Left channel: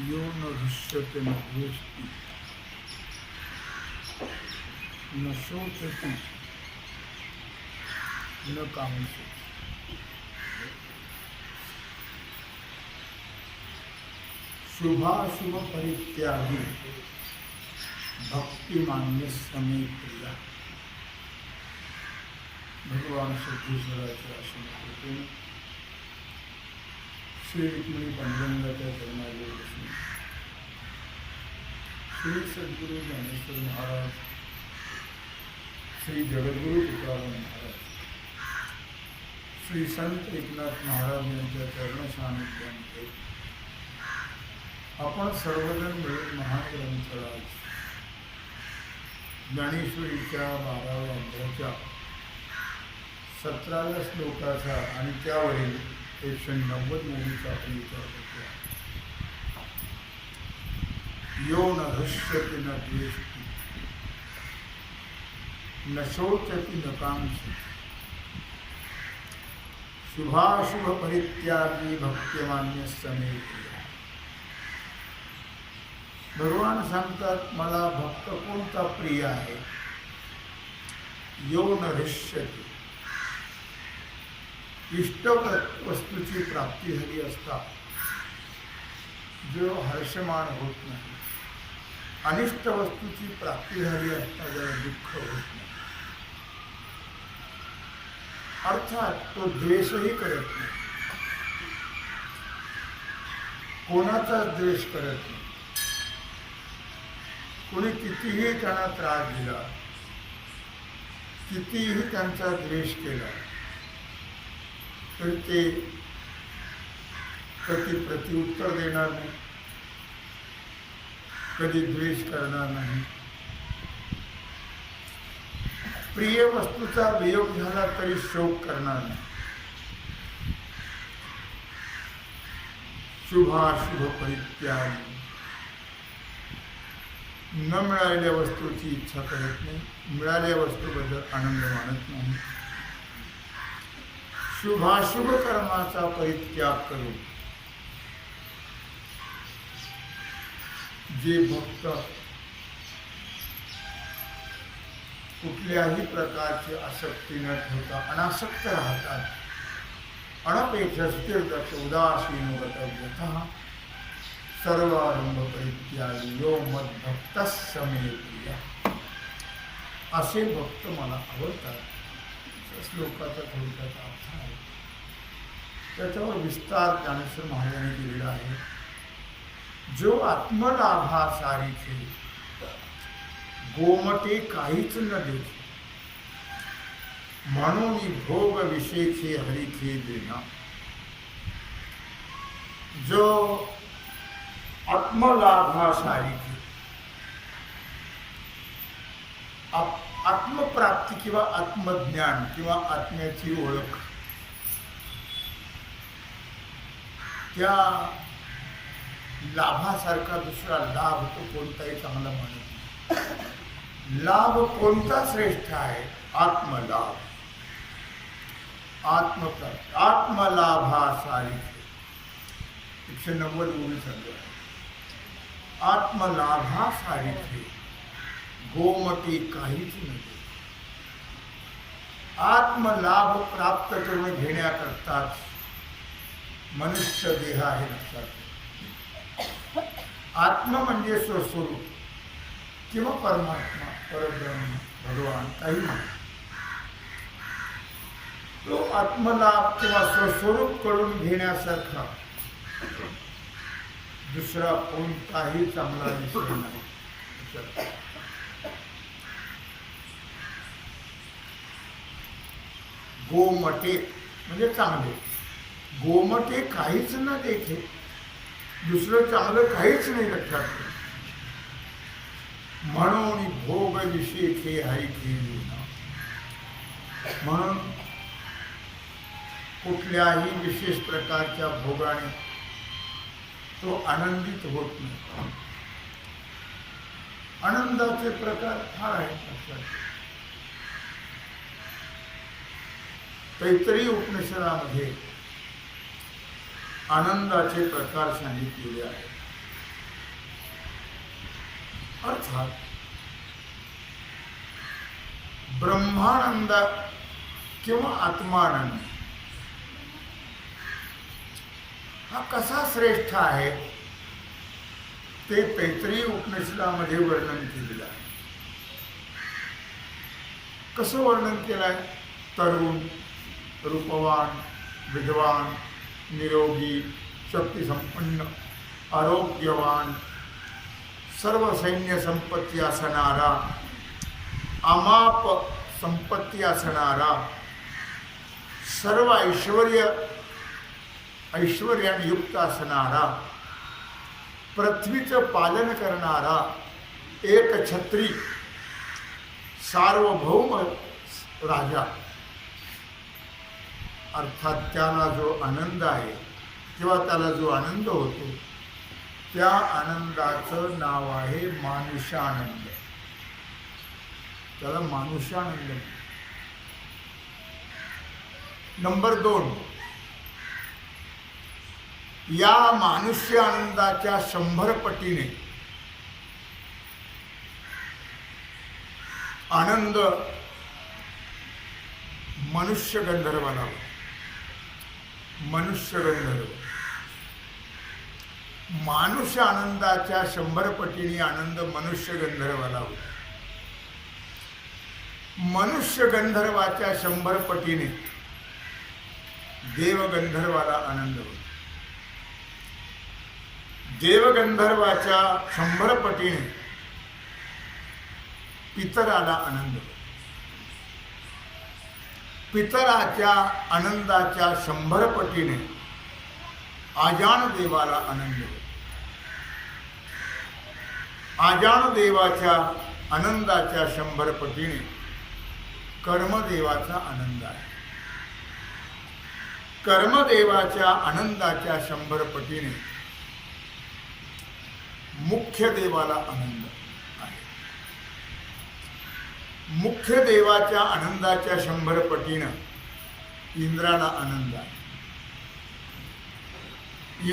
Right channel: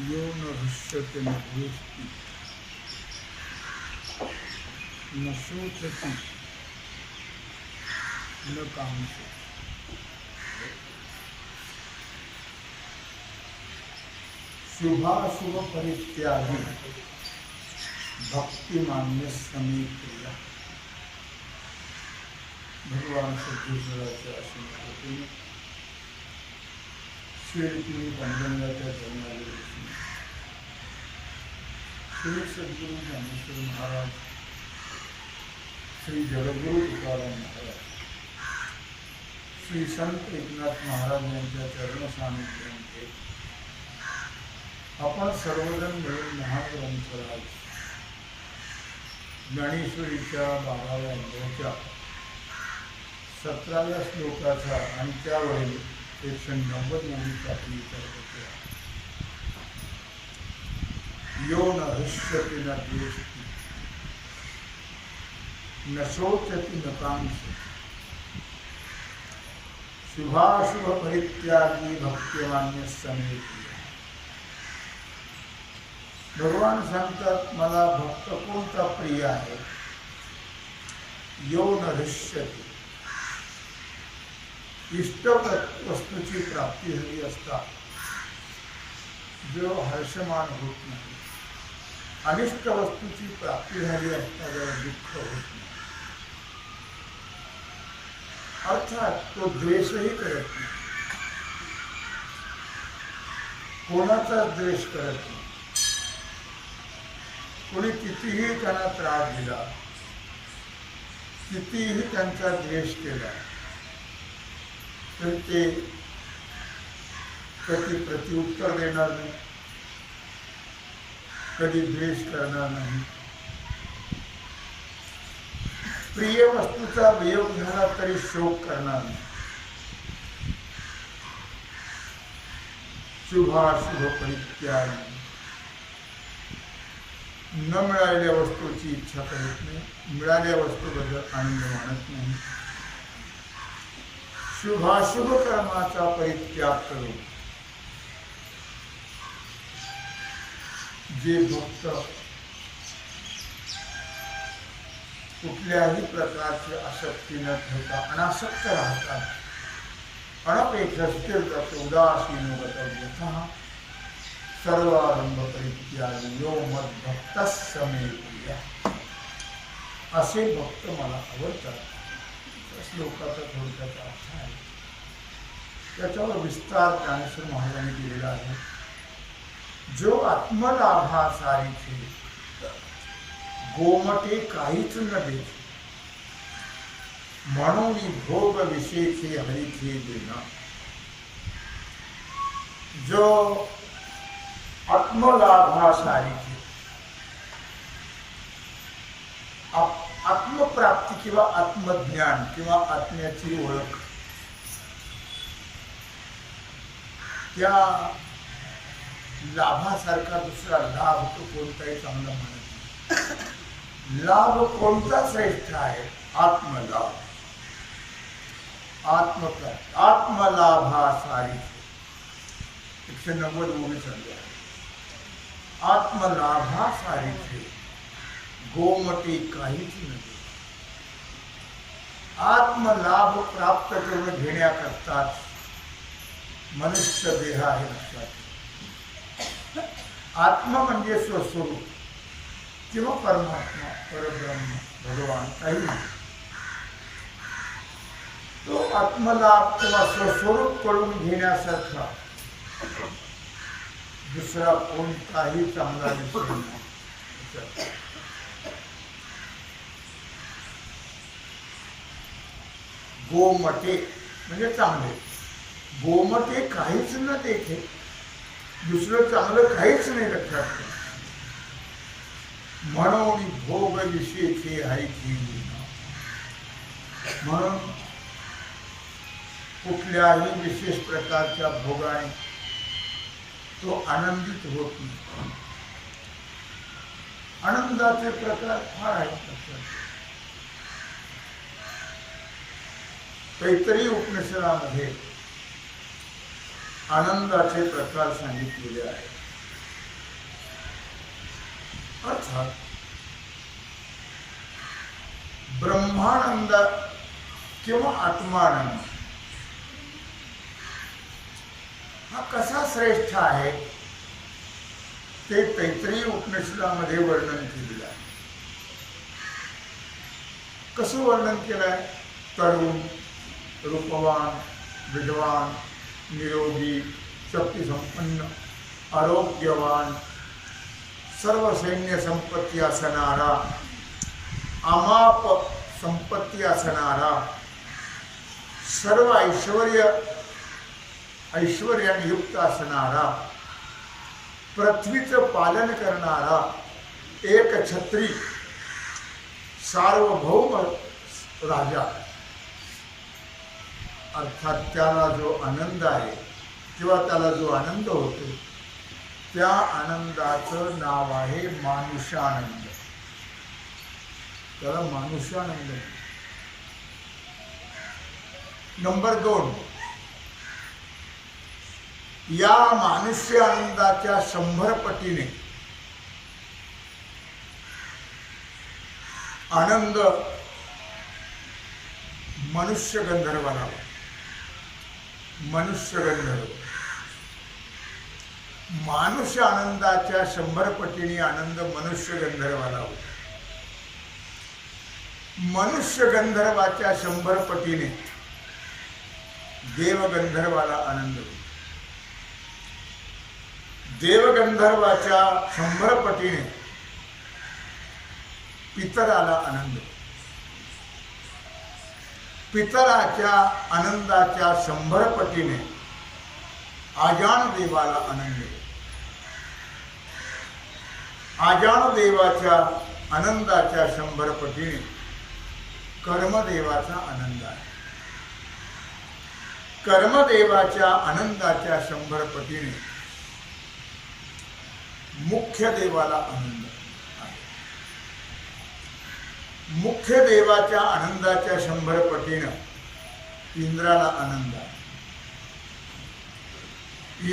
यो न हृष्यते न द्वेष्टि न शोचति न कांक्षति। शुभाशुभ परित्यागी भक्तिमान्य समे प्रिया। भगवान सिद्धेश्वराच्या आश्रमात श्री रुक्मिणी पांडुरंगाच्या चरणाला बसून श्री सद्गुरु ज्ञानेश्वर महाराज, श्री जगद्गुरु तुकाराम महाराज, श्री संत एकनाथ महाराज यांच्या चरण सानिध्यामध्ये आपण सर्वजण मिळून महान ग्रंथराज ज्ञानेश्वरीच्या 12व्या अध्यायाच्या 17व्या श्लोकाचा आणि त्यावरील 190 ओळीचा विचार करतो. यो न हृष्यति न द्वेष्टि न शोचति न कांक्षति शुभाशुभ परित्यागी भक्तिमान्य समे प्रिया. भगवान सांगतात, मला भक्त कोणता प्रिय आहे. यो न हृष्यति, इष्ट वस्तूची प्राप्ती झाली असता जो हर्षमान होत नाही, अनिष्ट वस्तूची प्राप्ती झाली असता जरा दुःख होत नाही. अर्थात तो द्वेषही करत नाही, कोणाचा द्वेष करत नाही. कोणी कितीही त्यांना त्रास दिला, कितीही त्यांचा द्वेष केला, तर ते कधी प्रत्युत्तर देणार नाही, कधी द्वेष करणार नाही. प्रिय वस्तूचा वियोग झाला तरी शोक करणार नाही. शुभाशुभ परित्यागी, न मिळालेल्या वस्तूची इच्छा करत नाही, मिळालेल्या वस्तूबद्दल आनंद मानत नाही. शुभाशुभ कर्माचा परित्याग करून जे भक्त कुठल्याही प्रकारची आसक्ती न ठेवता अनासक्त राहतात, अनपेक्षा स्थिरदक्ष उदासीन गतव्यतः सर्वारंभ परित्यागी यो मद्भक्तस्य मे प्रिया. असे भक्त मला आवडतात. श्लोकाचा थोडक्यात अर्थ आहे, त्याच्यावर विस्तार ज्ञानेश्वर महाराजांनी केलेला आहे. जो आत्मलाभासारीचे गोमटे काहीच न देते, म्हणून भोग विषयचे हरिखे देना. जो आत्मलाभासारीचे आत्मप्राप्ती किंवा आत्मज्ञान किंवा आत्म्याची ओळख, त्या लाभासारखा दुसरा लाभ तो कोणताही चांगला मानत नाही. लाभ कोणता श्रेष्ठ आहे? आत्मलाभ, आत्मप्राप्ती, आत्मलाभासारी 190 ओळी चालू आहे. आत्मलाभासारी गोमटी काहीच नव्हे. आत्मलाभ प्राप्त करून घेण्याकरताच मनुष्य देह आहे. लक्षात. आत्मा म्हणजे स्वस्वरूप किंवा परमात्मा, परब्रह्म, भगवान, काही नाही. तो आत्मलाभ किंवा स्वस्वरूप करून घेण्यासारखा दुसरा कोणताही चांगला विषय नाही. गोमटे म्हणजे चांगले, गोमटे काहीच न देखे, दुसरं चांगलं काहीच नाही. लक्षात ठेवा. म्हणून भोग विषयचे हरिखे देना. म्हणून कुठल्याही विशेष प्रकारच्या भोगाने तो आनंदित होत नाही. आनंदाचे प्रकार फार आहेत. लक्षात ठेवा. तैत्तिरीय उपनिषदामध्ये आनंदाचे प्रकार सांगितलेले आहेत. अर्थात ब्रह्मानंद किंवा आत्मानंद हा कसा श्रेष्ठ आहे ते तैत्तिरीय उपनिषदामध्ये वर्णन केलेलं आहे. कसं वर्णन केलं आहे? तरुण, रूपवान, विद्वान, निरोगी, शक्तिसंपन्न, आरोग्यवान, सर्व सैन्य संपत्ती असणारा, अमाप संपत्ती असणारा, सर्व ऐश्वर्याने युक्त असणारा, पृथ्वीचं पालन करणारा, एक छत्री, सार्वभौम राजा. अर्थात त्याला जो आनंद आहे किंवा त्याला जो आनंद होतो त्या आनंदाचं नाव आहे मानुष्यानंद. त्याला मानुष्यानंद. नंबर 2, या मानुष्य आनंदाच्या 100 पटीने आनंद मनुष्य गंधर्वाला. मनुष्य गंधर्व मानुष्य आनंदाच्या 100 पटीने आनंद मनुष्य गंधर्वाला होतो. मनुष्य गंधर्वाच्या 100 पटीने देवगंधर्वाला आनंद होतो. देवगंधर्वाच्या 100 पटीने पितराला आनंद होतो. पितराच्या आनंदाच्या 100 पटीने आजान देवाला आनंद होतो. आजान देवाच्या आनंदाच्या 100 पटीने कर्मदेवाचा आनंद आहे. कर्मदेवाच्या आनंदाच्या 100 पटीने मुख्य देवाला आनंद आहे. मुख्य देवाच्या आनंदाच्या 100 पटीने इंद्राला आनंद आहे.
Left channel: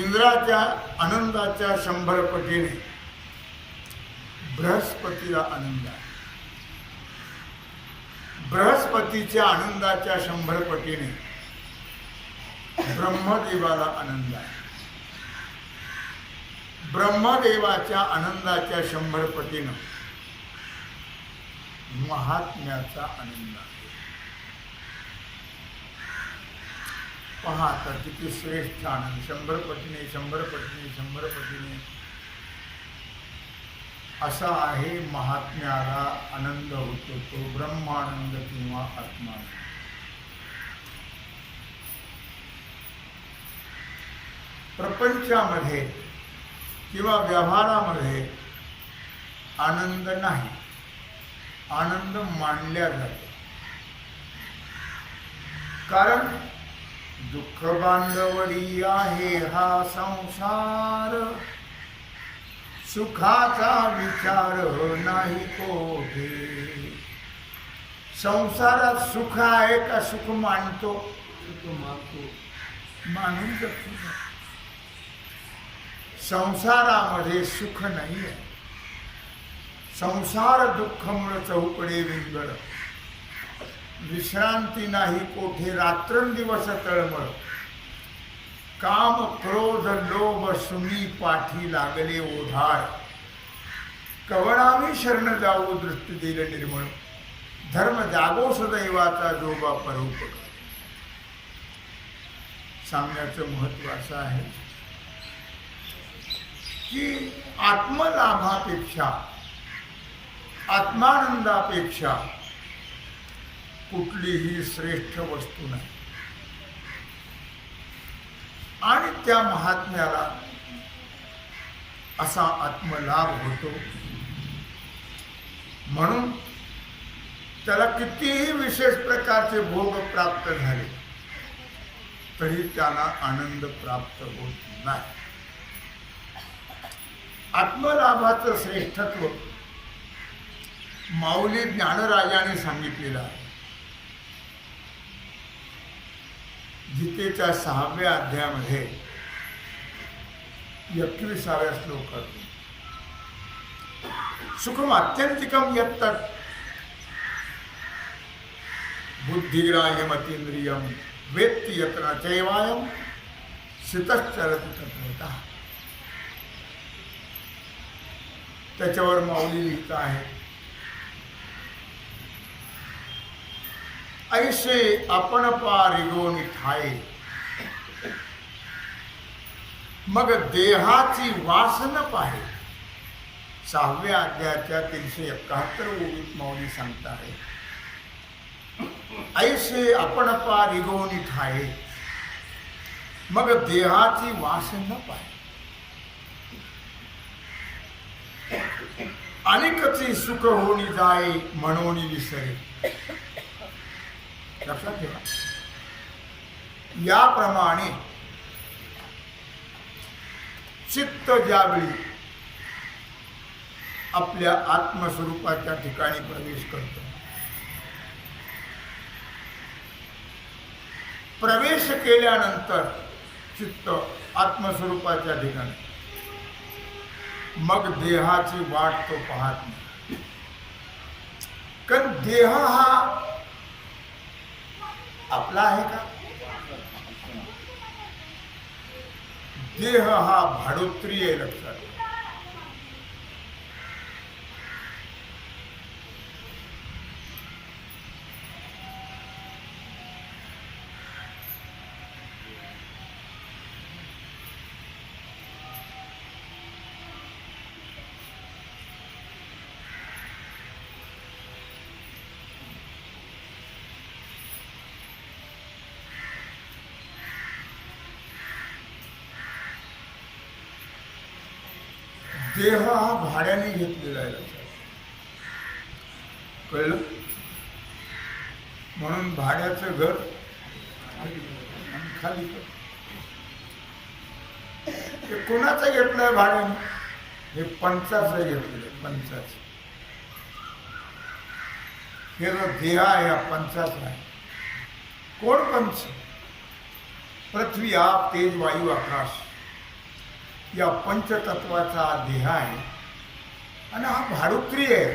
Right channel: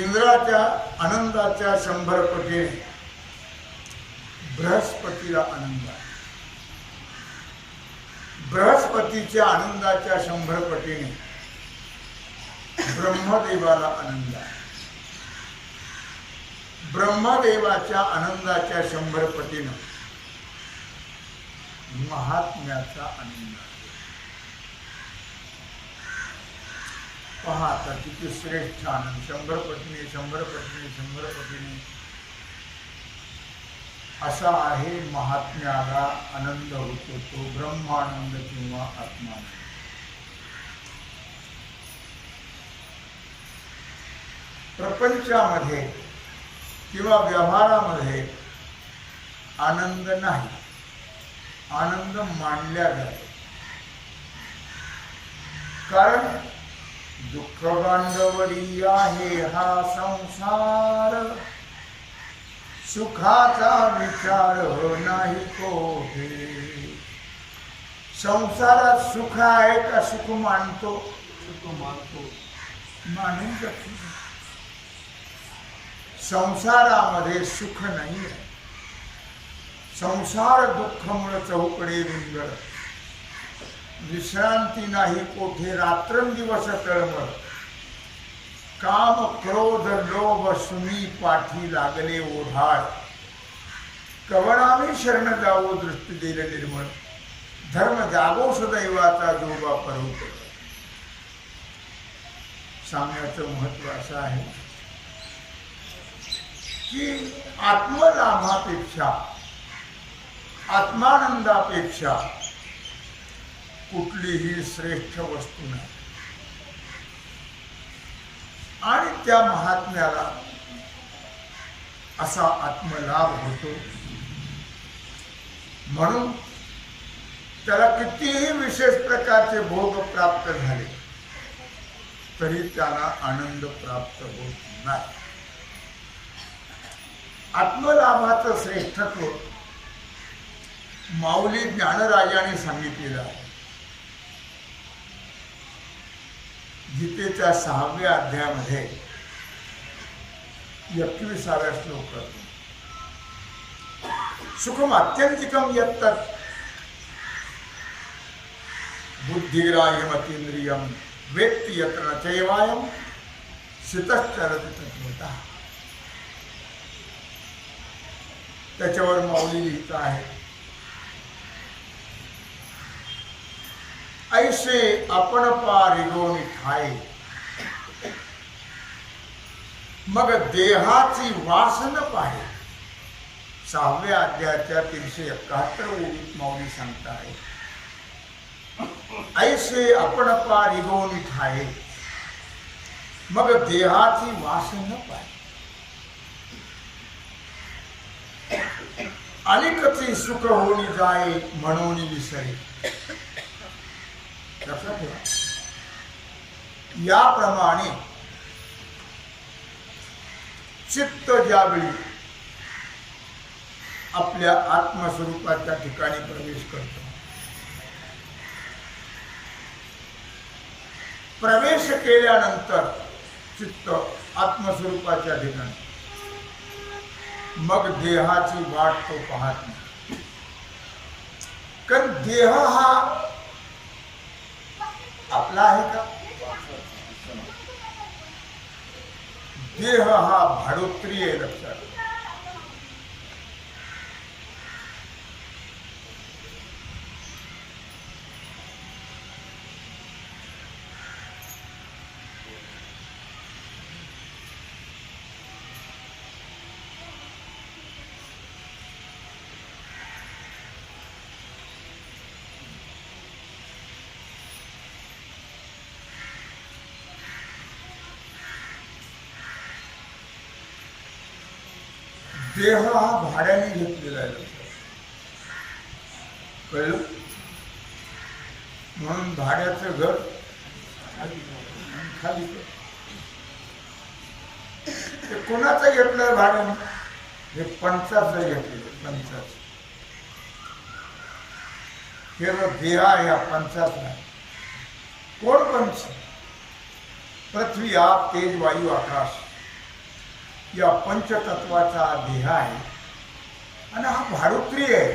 इंद्राच्या आनंदाच्या 100 पटीने बृहस्पतीला आनंद आहे. बृहस्पतीच्या आनंदाच्या 100 पटीने ब्रह्मदेवाला आनंद आहे. ब्रह्मदेवाच्या आनंदाच्या 100 पटीने महात्म्याचा आनंद आहे. पहा आता किती श्रेष्ठ आनंद. 100 पटीने 100 पटीने 100 पटीने असा आहे महात्म्याला आनंद होतो तो ब्रह्मानंद किंवा आत्मानंद. प्रपंचामध्ये किंवा व्यवहारामध्ये आनंद नाही. आनंद मानल्या जातो. कारण दुःख बांधवडी आहे हा संसार, सुखाचा विचार नाही कोठे. संसारात सुख आहे का सुख मानतो? सुख मानतो. मानून जगतो. संसारामध्ये सुख नाही आहे. संसार दुःखमुळे चौकडे विंगळ, विश्रांती नाही कोठे. रात्रंदिवस तळमळ, काम क्रोध लोभ सुनी पाठी लागले ओढाळ. कवणावी शरण जाऊ दृष्टी देले निर्मळ, धर्म जागो सदैवाचा जोबा परोपकार. सांगण्याचं महत्व असं आहे की आत्मलाभापेक्षा आत्मानंदापेक्षा कुठलीही श्रेष्ठ वस्तू नाही. आणि त्या महात्म्याला असा आत्मलाभ होतो. म्हणून त्याला कितीही विशेष प्रकारचे भोग प्राप्त झाले तरी त्याला आनंद प्राप्त होत नाही. आत्मलाभाचं श्रेष्ठत्व माऊली ज्ञानराजाने सांगितलेलं आहे. गीतेच्या 6व्या अध्यायामध्ये 21व्या श्लोकातून सुखम आत्यंतिकम यत्तत् बुद्धिग्राह्यमतीन्द्रियम वेत्ति यत्र न चैवायम स्थितश्चरति तत्त्वतः. त्याच्यावर माऊली लिहित आहे, ऐसे आपण पारिगोनी ठाये मग देहाची वासन पाहे. 6व्या अध्यायाच्या 371 ओळीत माऊली सांगत आहे, ऐसे आपण पारिगोनी ठाये मग देहाची वासन पाहे. अनेकचे सुख होणी जाय म्हणून विसरे. लक्षात ठेवा, याप्रमाणे चित्त ज्यावेळी आपल्या आत्मस्वरूपाच्या ठिकाणी प्रवेश करतो, प्रवेश केल्यानंतर चित्त आत्मस्वरूपाच्या ठिकाणी मग देहाची वाट तो पाहत नाही. कारण देह हा आपला आहे का? देह हा भाडोत्री आहे. लक्षात. देह हा भाड्याने घेतलेला आहे. कळलं? म्हणून भाड्याचं घर खाली कर. ते कोणाचं घेतलंय भाड्याने? हे पंचाचं घेतलेलं. पंचाचं हे देह आहे, हा पंचाचा आहे. कोण पंच? पृथ्वी, आप, तेज, वायू, आकाश या पंचतत्वाचा देह आहे आणि हा भाडोत्री आहे.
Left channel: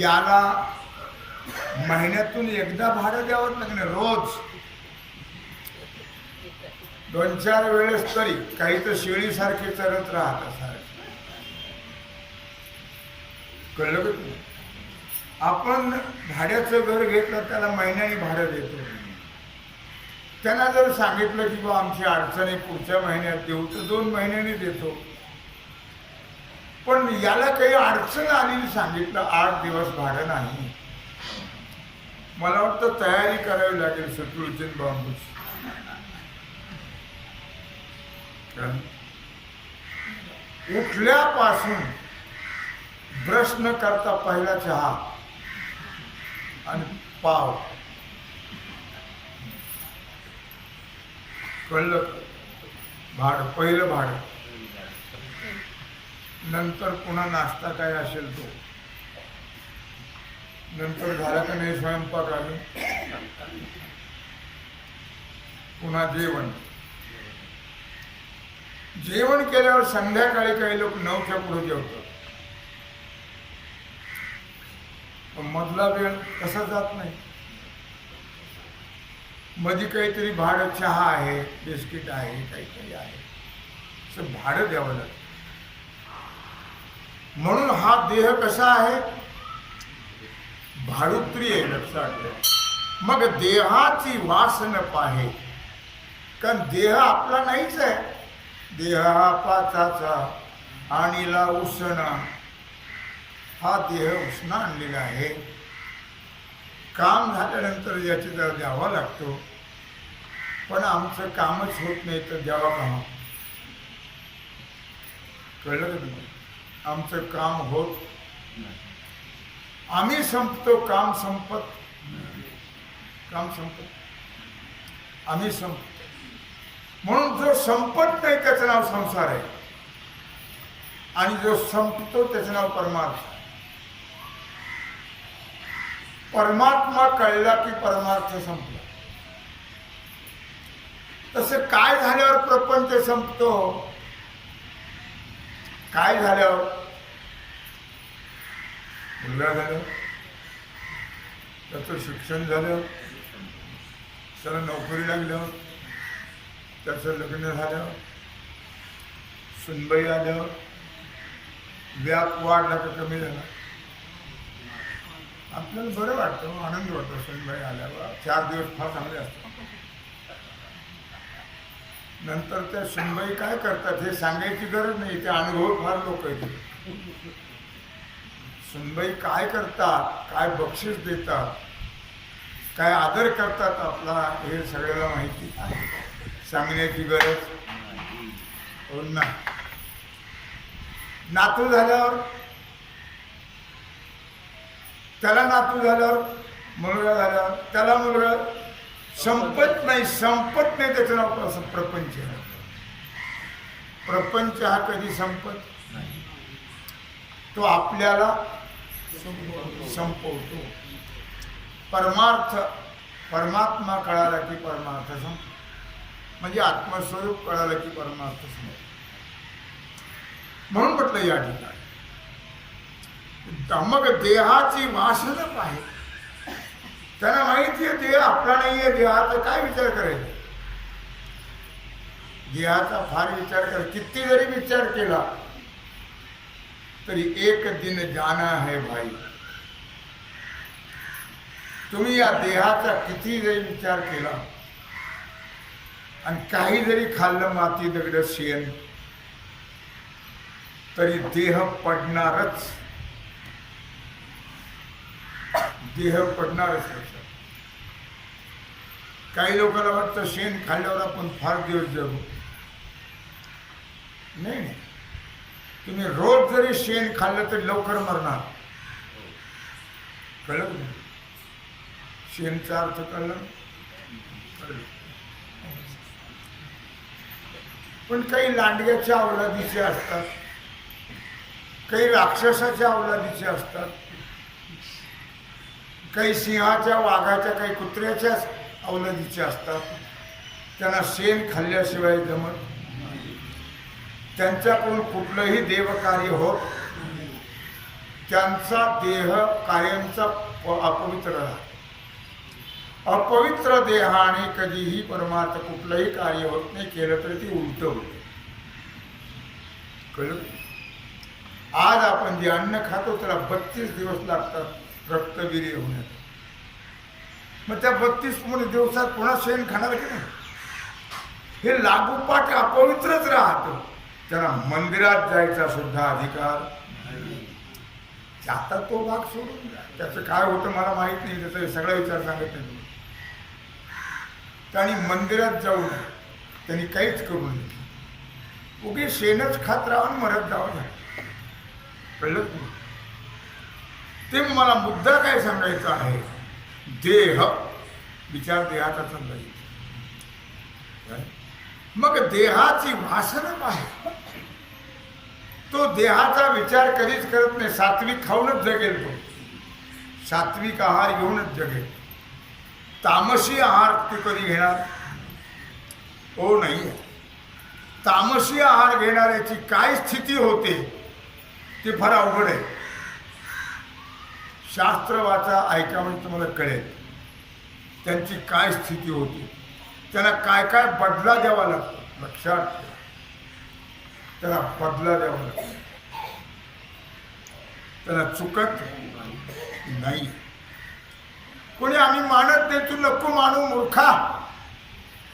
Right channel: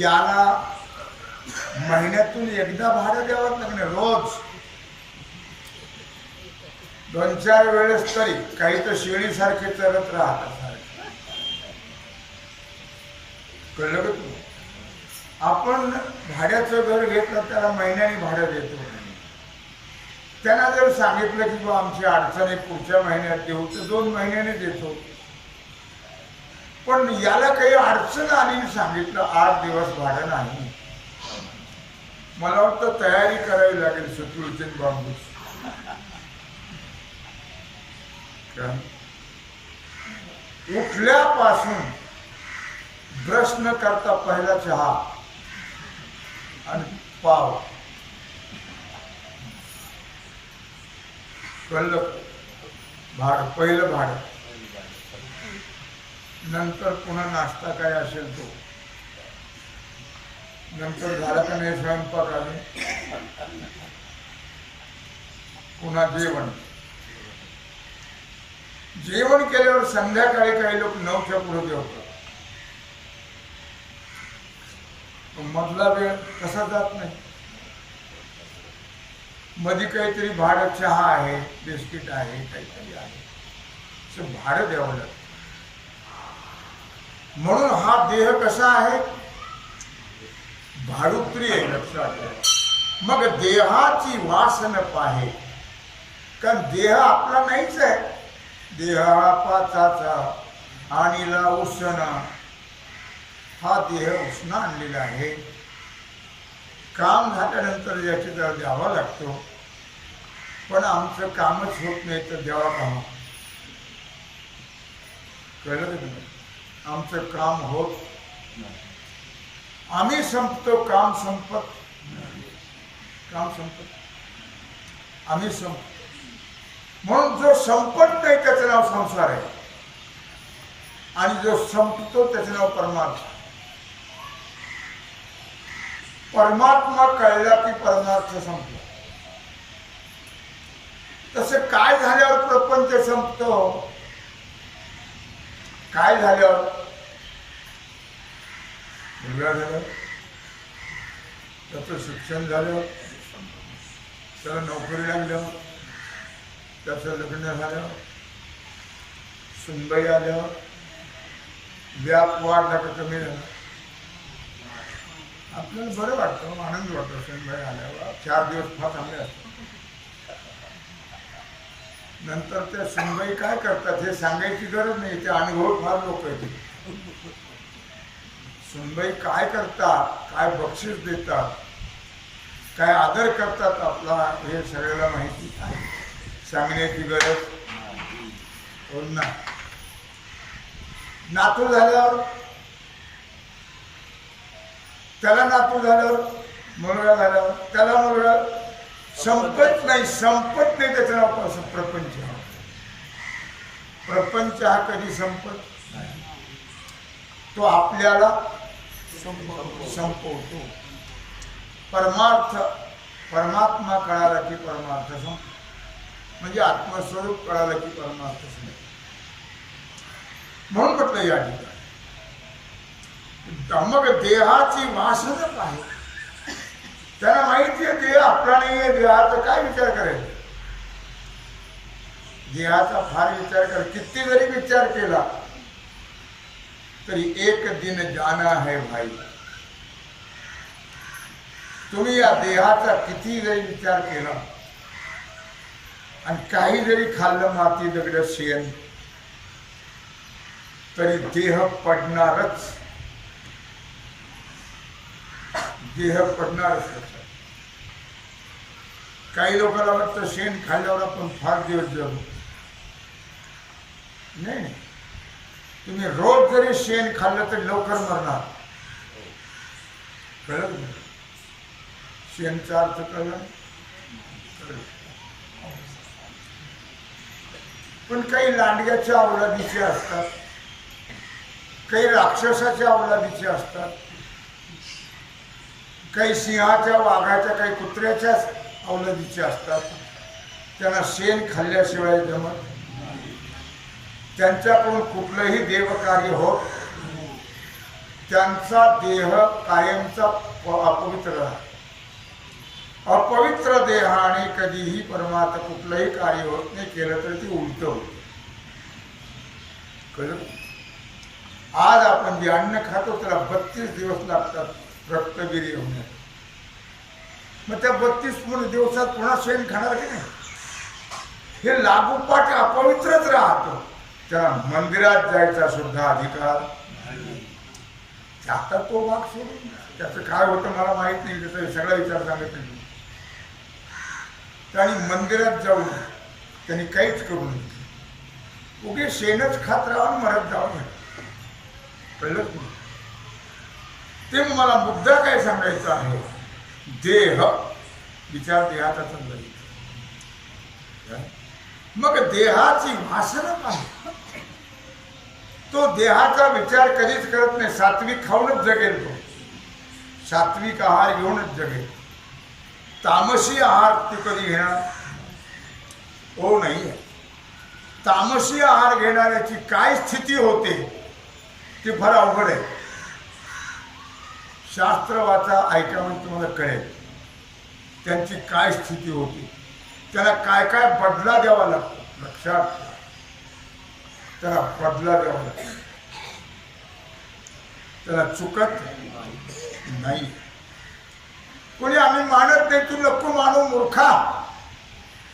याला महिन्यातून एकदा भाडं द्यावं लागणार. रोज 2-4 वेळेस तरी. काही तर शेळीसारखे चरत राहतात सारखे. कळलं का तू? आपण भाड्याचं घर घेतलं, त्याला महिन्याने भाडं देतो. त्यांना जर सांगितलं की बा आमची अडचणी पुढच्या महिन्यात देऊ, तर 2 महिन्याने देतो. पण याला काही अडचण आली, सांगितलं 8 दिवस भाडं नाही, मला वाटतं तयारी करावी लागेल शत्रूची बांबूची. उठल्यापासून ब्रश न करता पहिला चहा आणि पाव. कळलं? भाडं, पहिलं भाडं. नंतर पुन्हा नाश्ता काय असेल तो. नंतर झाला का नाही स्वयंपाक, अजून पुन्हा जेवण. जेवण केल्यावर संध्याकाळी काही लोक 9च्या पुढे जेवतात. मधला वेळ कसा जात नाही. मध्ये काहीतरी भाडं, चहा आहे, बिस्किट आहे, काहीतरी आहे, असं भाडं द्यावं लागतं. म्हणून हा देह कसा आहे? भाडोत्री आहे. लक्षात ठेवा. मग देहाची वासन पाहे. कारण देह आपला नाहीच आहे. देह हा पाचाचा आणीला उसना. हा देह उसना आणलेला आहे. काम झाल्यानंतर याची जरा द्यावा लागतो. पण आमचं कामच होत नाही तर द्यावा काम. कळलं का तुम्ही? आमचं काम होत नाही. आम्ही संपतो, काम संपत. काम संपत, आम्ही संपतो. म्हणून जो संपत नाही त्याचं नाव संसार आहे, आणि जो संपतो त्याचं नाव परमार्थ. परमात्मा कळला की परमार्थ संपला. तसं काय झाल्यावर प्रपंच संपतो? काय झाल्यावर? मुलगा झाला, त्याचं शिक्षण झालं, त्याला नोकरी लागलं, त्याचं लग्न झालं, सुनबाई आल्यावर व्याप वाढला का कमी झाला? आपल्याला बरं वाटतं, आनंद वाटतो. सुनबाई आल्यावर 4 दिवस फार चांगले असतात. नंतर त्या सुनबाई काय करतात हे सांगायची गरज नाही, ते अनुभव फार लोक येते. सुनबाई काय करतात, काय बक्षीस देतात, काय आदर करतात आपला, हे सगळ्याला माहिती आहे, सांगण्याची गरज हो ना. नातू झाल्यावर, त्याला नातू झाल्यावर, मुलगा झाल्यावर, त्याला मुलगा, संपत नाही त्याचं नाव कसं प्रपंच. प्रपंच हा कधी संपत नाही, तो आपल्याला संपवतो. परमात्मा कळाला की परमार्थ संपतो, म्हणजे आत्मस्वरूप कळालं की परमार्थ संपतो. म्हणून म्हटलं या ठिकाणी मग देहाची वासना पाहे. त्यांना माहिती आहे देह आपला नाही आहे, देहाचा काय विचार करायचा? देहाचा फार विचार कर, किती जरी विचार केला तरी एक दिन जाना है भाई. तुम्ही या देहाचा किती जरी विचार केला आणि काही जरी खाल्लं माती दगड शेण तरी देह पडणारच, देह पडणारच. लक्षात. काही लोकांना वाटतं शेण खाल्ल्यावर आपण फार दिवस जगू. नाही, तुम्ही रोज जरी शेण खाल्लं तरी लवकर मरणार. कळलं तुम्ही? शेणचा अर्थ कळला? पण काही लांडग्याच्या अवलादीचे असतात, काही राक्षसाच्या अवलादीचे असतात, काही सिंहाच्या, वाघाच्या, काही कुत्र्याच्या अवलादीचे असतात. त्यांना शेण खाल्ल्याशिवाय जमत, त्यांच्याकडून कुठलंही देवकार्य होत, त्यांचा देह कायमचा अपवित्र राहतो. अपवित्र देहाने कधीही परमार्थ कुठलंही कार्य होत नाही, केलं तरी ते उलट होत. कळलं? आज आपण जे अन्न खातो त्याला 32 दिवस लागतात रक्तवीर्य होण्यात. मग त्या 32 दिवसात पुन्हा शेण खाणार की नाही? हे लागोपाठ अपवित्रच राहतं. त्याला मंदिरात जायचा सुद्धा अधिकार नाही. आता तो भाग सोडून द्या, त्याचं काय होतं मला माहित नाही, त्याचा सगळा विचार सांगत नाही. त्यांनी मंदिरात जाऊन त्यांनी काहीच करू नये, उगी शेणच खात राहून मरत जावं. कळलं? ते मला मुद्दा काय सांगायचा आहे, देह विचार देहाचा चालला. मग देहाची वासना आहे, तो देहाचा विचार कधीच करत नाही. सात्विक खाऊनच जगेल, तो सात्विक आहार घेऊनच जगेल. तामसी आहार ते कधी घेणार? हो नाही. तामसी आहार घेणाऱ्याची काय स्थिती होते ते फार अवघड आहे. शास्त्र वाचा, ऐका, म्हणजे तुम्हाला कळेल त्यांची काय स्थिती होती. त्यांना काय काय बदला द्यावा लागतो. लक्षात ठेवा, त्याला बदला द्यावा लागतो. त्याला चुकत नाही. कोणी आम्ही मानत नाही, तू नको मानू मूर्खा,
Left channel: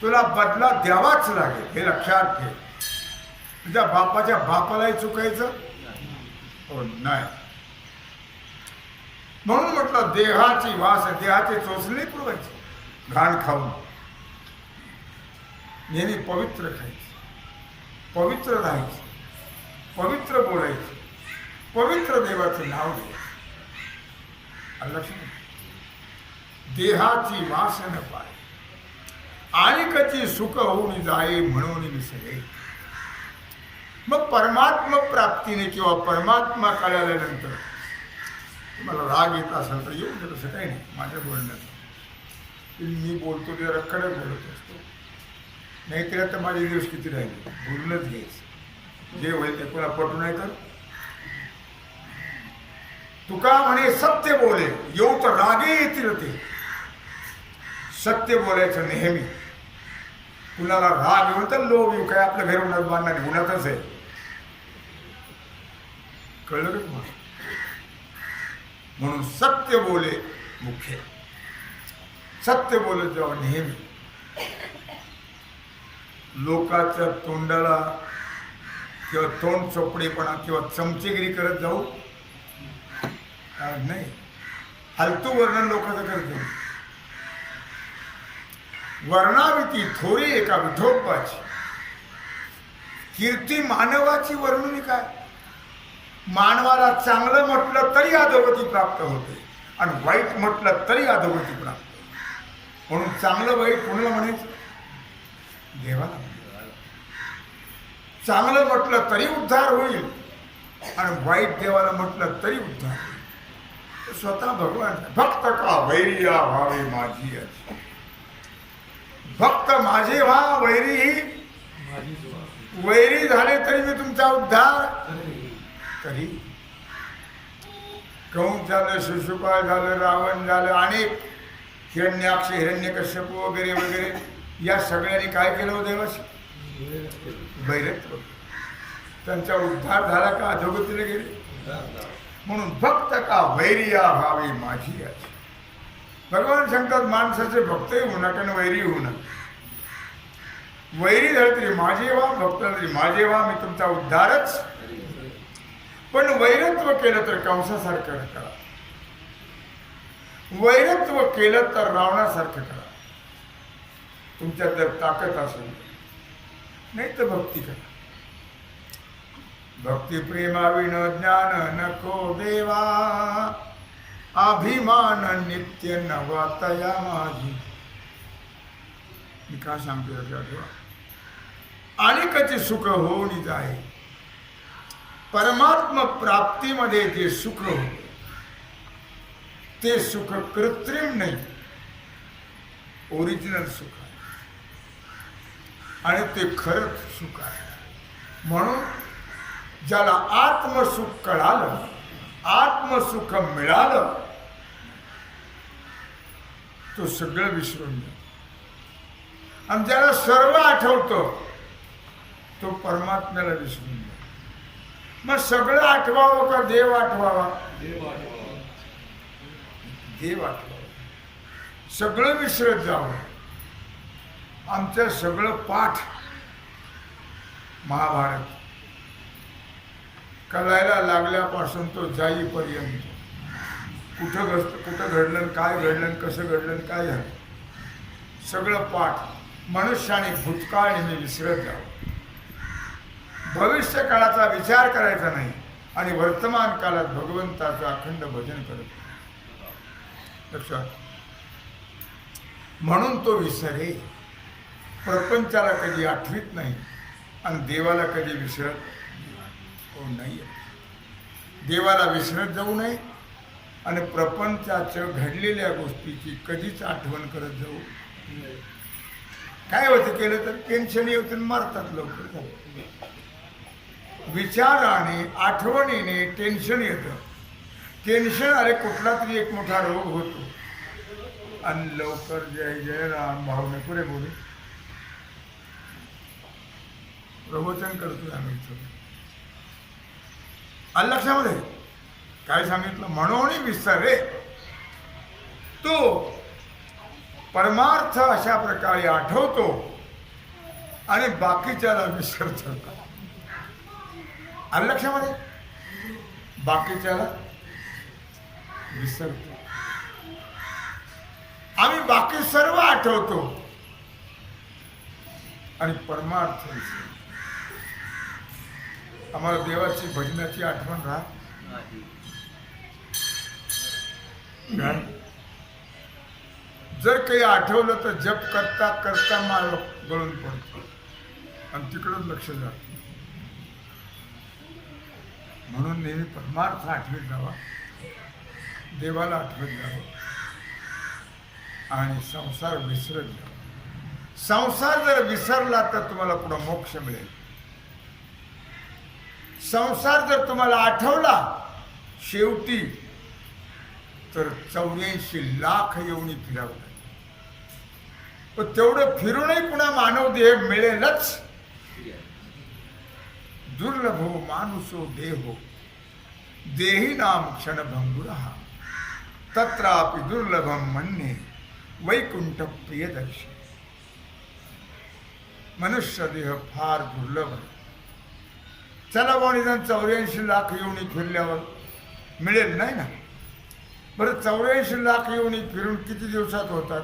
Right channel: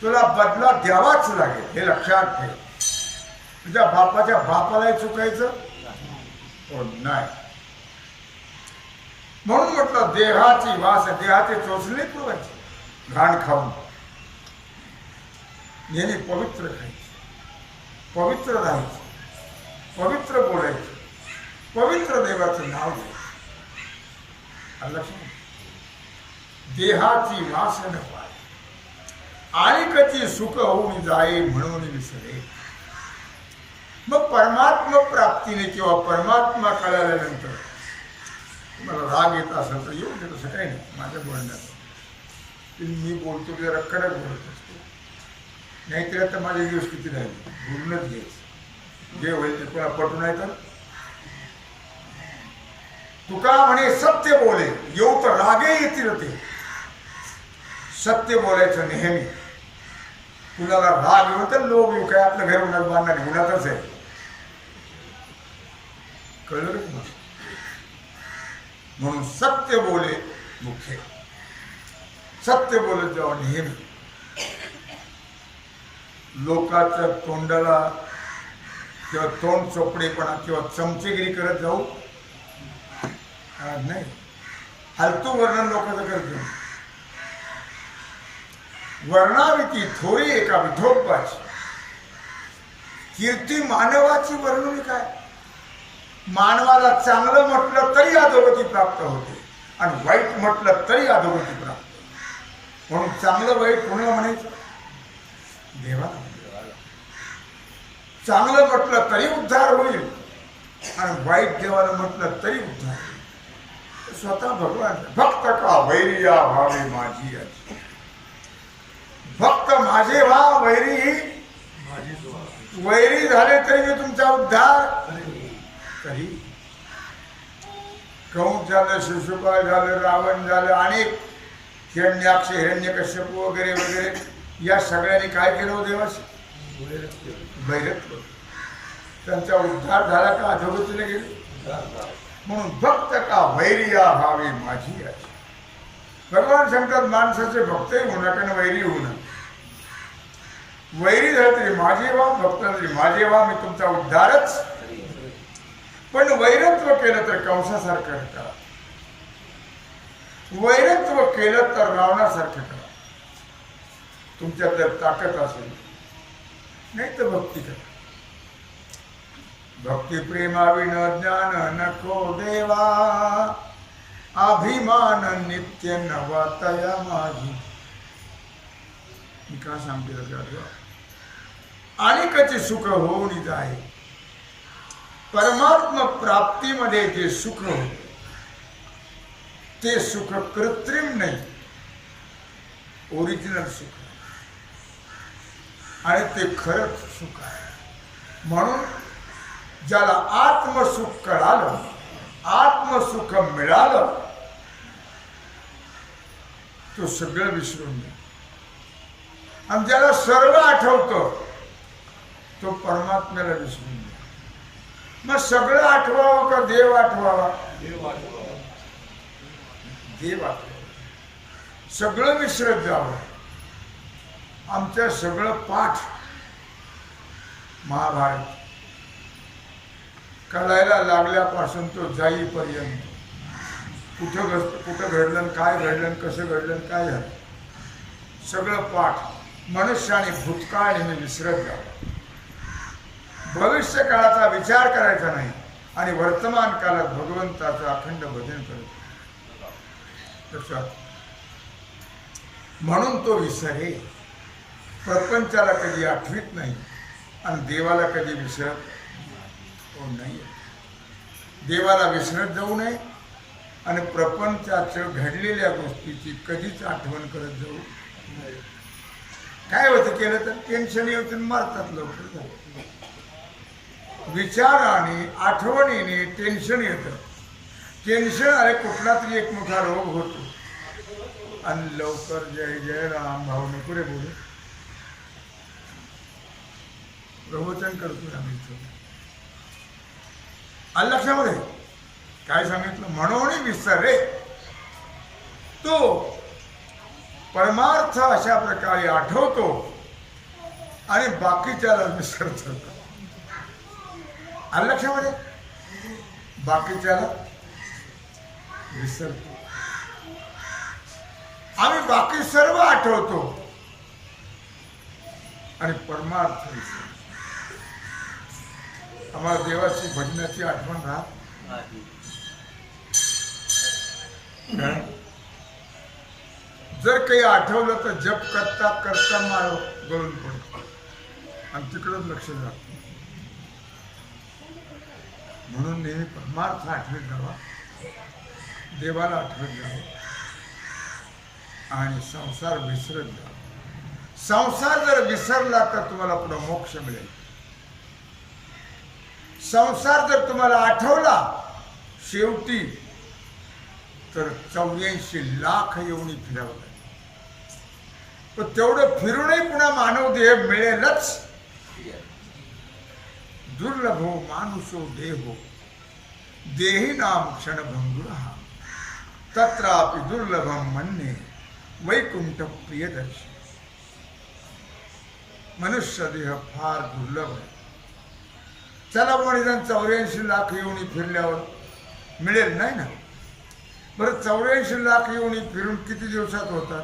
तुला बदला द्यावाच लागेल, हे लक्षात ठेव. तुझ्या बापाच्या बापालाही चुकायचं हो नाही. म्हणून म्हटलं देहाची वास, देहाचे चोचले पुरवायचे, घाण खाऊन. नेहमी पवित्र खायचे, पवित्र राहायचे, पवित्र बोलायचे, पवित्र देवाचं नाव घ्यायचं. लक्षात. देहाची वासन पाय आणि कची सुख होऊन जाये म्हणून विसरे. मग परमात्मा प्राप्तीने किंवा परमात्मा कळाल्यानंतर तुम्हाला राग येत असेल तर येऊ दे, तसं काही नाही माझ्या बोलण्याचं. मी बोलतो ते जरा कडक बोलत असतो, नाहीतर आता माझे दिवस किती राहिले, बोलूनच घ्यायचं. जे होईल ते कोणा पटू नाही तर तुका म्हणे सत्य बोले येऊ तर रागे येतील ते. सत्य बोलायचं नेहमी. कुणाला राग येऊन तर लोभ येऊ, काय आपलं घर उन्हात बांधणार उन्हातच आहे. कळलं का तुम्हाला? म्हणून सत्य बोले मुख्य. सत्य बोलत जावं नेहमी. लोकांच्या तोंडाला किंवा तोंड चोपडेपणा किंवा चमचेगिरी करत जाऊ नाही. फालतू वर्णन लोकांचं करत जाऊ. वर्णाविती थोरी एका विठोबाची कीर्ती मानवाची वर्णुनी काय. मानवाला चांगलं म्हटलं तरी अधोगती प्राप्त होते आणि वाईट म्हटलं तरी अधोगती प्राप्त. म्हणून चांगलं वाईट कोणाला म्हणायचं? देवाला. चांगलं म्हटलं तरी उद्धार होईल आणि वाईट देवाला म्हटलं तरी उद्धार होईल. स्वतः भगवान भक्त का वैरिया व्हावे माझी अशी. भक्त माझे व्हा वैरी. वैरी झाले तरी मी तुमचा उद्धार करी. कंस झालं, शिशुपाल झालं, रावण झालं, अनेक हिरण्याक्ष हिरण्यकश्यप वगैरे वगैरे या सगळ्यांनी काय केलं हो देवाशी? वैरत्व. त्यांचा उद्धार झाला का अधोगतीला गेले? म्हणून भक्त का वैरिया व्हावी माझी अशी. भगवान सांगतात माणसाचे भक्तही होऊ नका आणि वैरी होऊ नका. वैरी झालं तरी माझे व्हा, भक्त तरी माझे व्हा, मी तुमचा उद्धारच. पण वैरत्व केलं तर कंसासारखं करा. वैरत्व केलं तर रावणासारखं करा. तुमच्यात जर ताकद असेल, नाही तर भक्ती करा. भक्ती प्रेमाविन ज्ञान नको देवा. अभिमान नित्य नवातया माझी. मी का सांगते लक्षात ठेवा. अनेकाचे सुख होऊन जाय. परमात्मा प्राप्तीमध्ये जे सुख होते ते सुख कृत्रिम नाही, ओरिजिनल सुख आहे आणि ते खरंच सुख आहे. म्हणून ज्याला आत्मसुख कळालं, आत्मसुख मिळालं, तो सगळं विसरून जातो. आणि ज्याला सर्व आठवतं तो परमात्म्याला विसरून जातो. मग सगळं आठवावं का देव आठवावा? देव आठवावा. सगळं विसरत जावं. आमचं सगळं पाठ महाभारत कळायला लागल्यापासून तो जाईपर्यंत कुठं घडलं, काय घडलं, कसं घडलं, काय झालं, सगळं पाठ मनुष्याने भूतकाळ नेहमी विसरत जावं. भविष्य काळाचा विचार करायचा नाही आणि वर्तमान काळात भगवंताचं अखंड भजन करत लक्षात. म्हणून तो विसरे. प्रपंचाला कधी आठवीत नाही आणि देवाला कधी विसरत नाही. देवाला विसरत जाऊ नये आणि प्रपंचाचं घडलेल्या गोष्टीची कधीच आठवण करत जाऊ नये. काय होतं केलं तर टेन्शन येऊन मारतात लवकर. विचाराने आठवणीने टेन्शन येतं. टेन्शन आले कुठला तरी एक मोठा रोग होतो आणि लवकर जय जय राम भाऊ नको रे बोलू. प्रवचन करतोय आम्ही इथं. आलं लक्षामध्ये काय सांगितलं? म्हणून विसरे. तो परमार्थ अशा प्रकारे आठवतो आणि बाकीच्याला विसरतो. आलं लक्षामध्ये? बाकीच्याला विसरतो. आम्ही बाकी सर्व आठवतो आणि परमार्थ विसरतो. आम्हाला देवाची भजनाची आठवण राहत. जर काही आठवलं तर जप करता करता माळ गळून पडतो आणि तिकडंच लक्ष जात. म्हणून नेहमी परमार्थ आठवत जावा, देवाला आठवत जावं आणि संसार विसरत जावा. संसार जर विसरला तर तुम्हाला पुढं मोक्ष मिळेल. संसार जर तुम्हाला आठवला शेवटी तर 84 लाख योनी फिरावं लागेल. पण तेवढं फिरूनही पुन्हा मानव देह मिळेलच. दुर्लभो मानुषो देहो देही नाम क्षणभंगुरा तत्रापि दुर्लभम मन्ये वैकुंठ प्रियदर्शी. मनुष्य देह फार दुर्लभ आहे. चला बुवा निदान 84 लाख योनी फिरल्यावर मिळेल नाही ना. बरं 84 लाख योनी फिरून किती दिवसात होतात?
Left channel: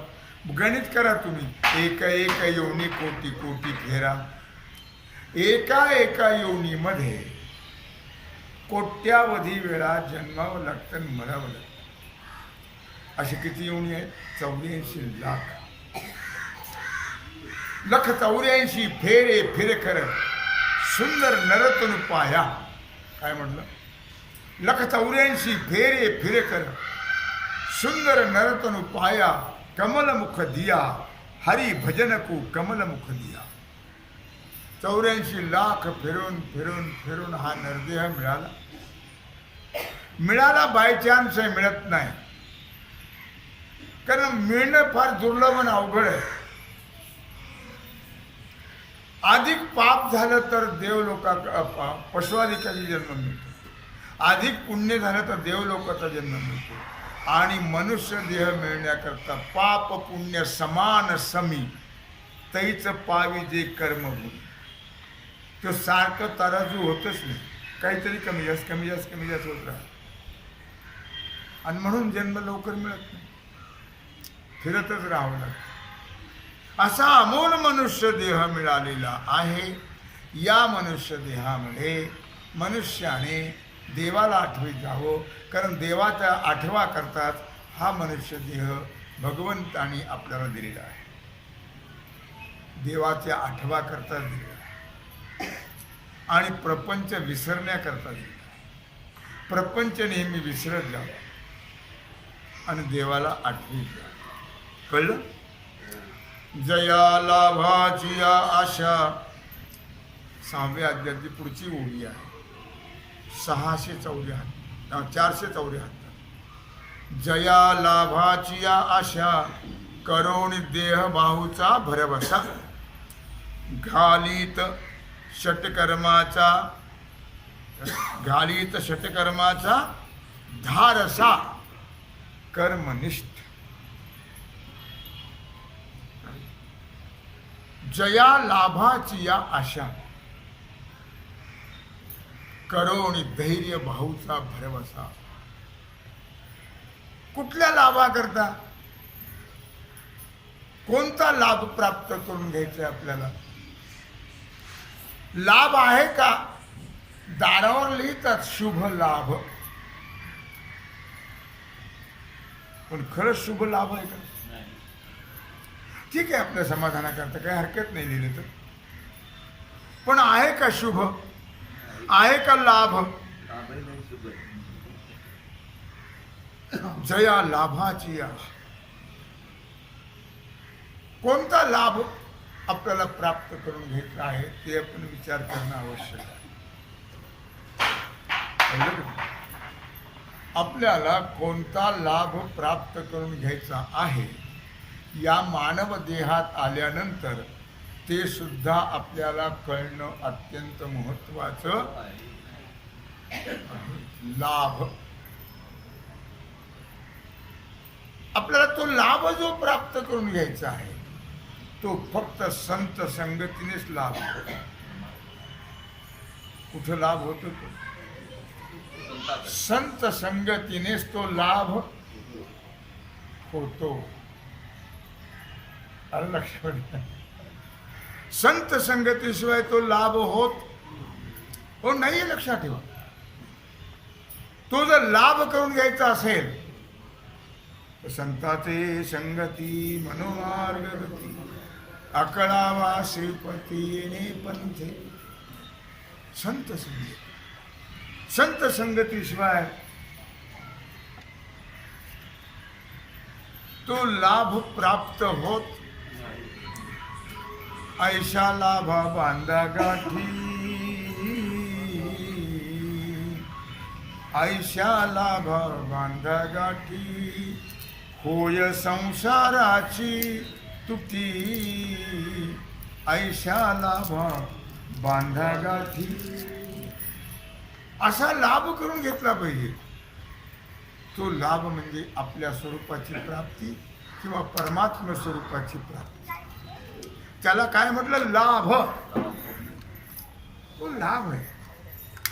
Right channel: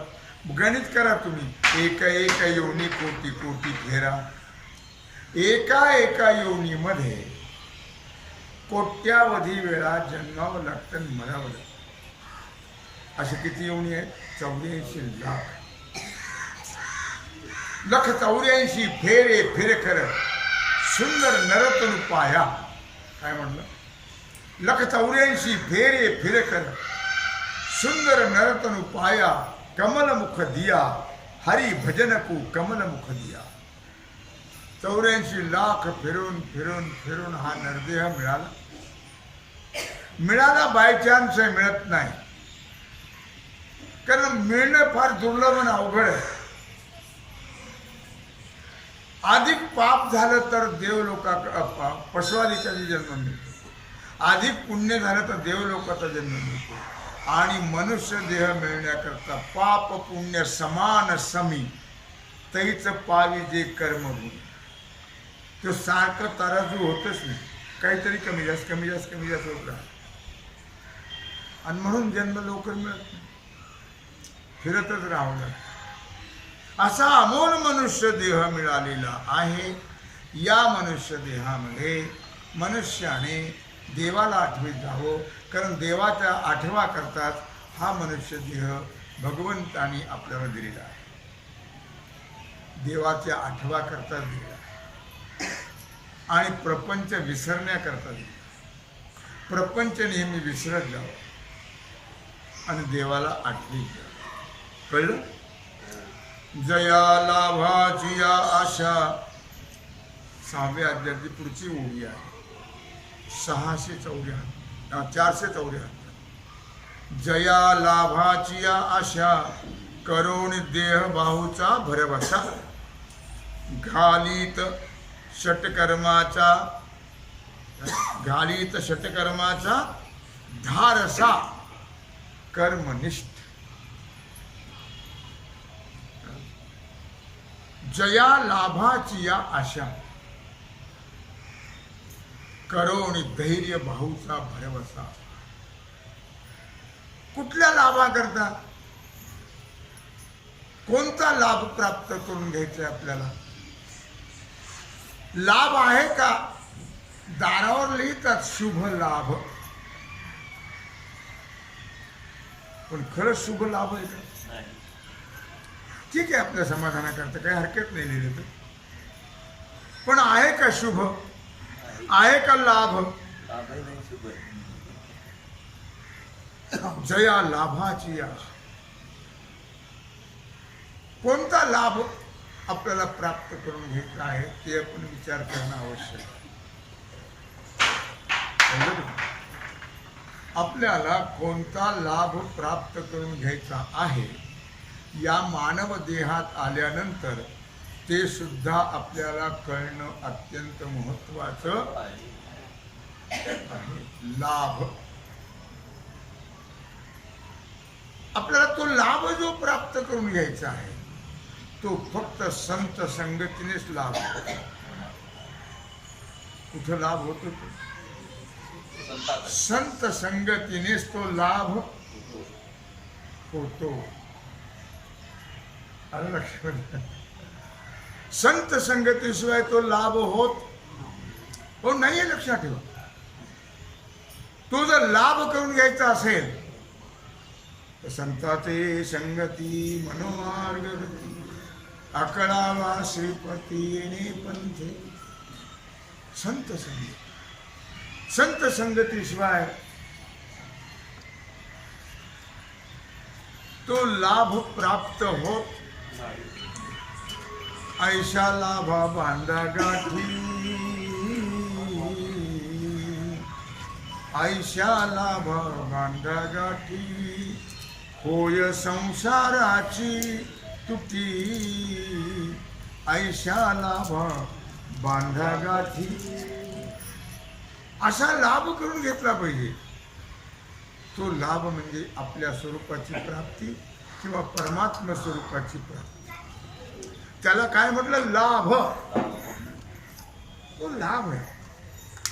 गणित करा तुम्ही. एका योनी कोटी कोटी फेरा. एका योनीमध्ये कोट्यावधी वेळा जन्मावं लागतं आणि मरावं लागतं. असे किती योनी आहेत? 84 लाख. 184 फेरे फिरकर सुंदर नरतनु पाया. काय म्हटलं? 184 फेरे फिरकर सुंदर नरतनु पाया कमलमुख दिया हरि भजन को कमलमुख दिया. 84 लाख फिरून फिरून फिरून हा नरदेह मिळाला. मिळाला बाय चान्स आहे, मिळत नाही. कारण मिळणं फार दुर्लभ आणि अवघड आहे. अधिक पाप झालं तर देवलोका पशुआदिकाचा जन्म मिळतो. अधिक पुण्य झालं तर देवलोकाचा जन्म मिळतो. आणि मनुष्य देह मिळण्याकरता पाप पुण्य समान समी तैच पावी जे कर्मभूमी. तो सारखं तराजू होतच नाही. काहीतरी कमी जास्त कमी जास्त कमी जास्त होत राहत. आणि म्हणून जन्म लवकर मिळत नाही, फिरतच राहावं लागतं. असा अमोल मनुष्य देह मिळालेला आहे. या मनुष्य देहामध्ये मनुष्याने देवाला आठवीत जावं. कारण देवाचा आठवा करतात हा मनुष्य देह भगवंतानी आपल्याला दिलेला आहे. देवाच्या आठवा करता दिलेला आहे आणि प्रपंच विसरण्याकरता दिलेला आहे. प्रपंच नेहमी विसरत जावं आणि देवाला आठवीत जावं. कळलं? जया लाभाची या आशा. 6व्या अध्यायाची पुढची ओळी आहे. 474. जया लाभाची या आशा करोण देह बाहूचा भरवसा घालीत षटकर्माचा धारसा कर्मनिष्ठ. जया लाभाची या आशा करोणी धैर्य बाहूचा भरवसा. कुठल्या लाभाकरता? कोणता लाभ प्राप्त करून घ्यायचा आपल्याला? लाभ आहे का? दारावर लिहितात शुभ लाभ, पण खरंच शुभ लाभ आहे का? ठीक आहे, आपल्या समाधानाकरता काही हरकत नाही लिहिलं तर. पण आहे का शुभ? आहे का लाभ? जया लाभाची आशा. कोणता लाभ आपल्याला प्राप्त करून घ्यायचा आहे ते आपण विचार करणं आवश्यक आहे. आपल्याला कोणता लाभ प्राप्त करून घ्यायचा आहे या मानव देहात आल्यानंतर ते सुद्धा आपल्याला कळणं अत्यंत महत्वाचं आहे. लाभ. आपल्याला तो लाभ जो प्राप्त करून घ्यायचा आहे तो फक्त संत संगतीनेच लाभ होतो. कुठं लाभ होतो? तो संत संगतीनेच तो लाभ होतो. आलं लक्षात? संत संगतीशिवाय तो लाभ होत नाही. लक्षात ठेवा. तो जर लाभ करून घ्यायचा असेल तर संताचे संगती मनोमार्ग गती अकळावा श्रीपती येणे पंथे. संत संगती. संत संगतीशिवाय तो लाभ प्राप्त होत. ऐशा लाभा बांधा गाठी ऐशा लाभ बांधा गाठी होय संसाराची तुटी ऐशा लाभ बांधा गाठी असा लाभ करून घेतला पाहिजे. तो लाभ म्हणजे आपल्या स्वरूपाची प्राप्ती किंवा परमात्म स्वरूपाची प्राप्ती. त्याला काय म्हटलं? लाभ. तो लाभ आहे.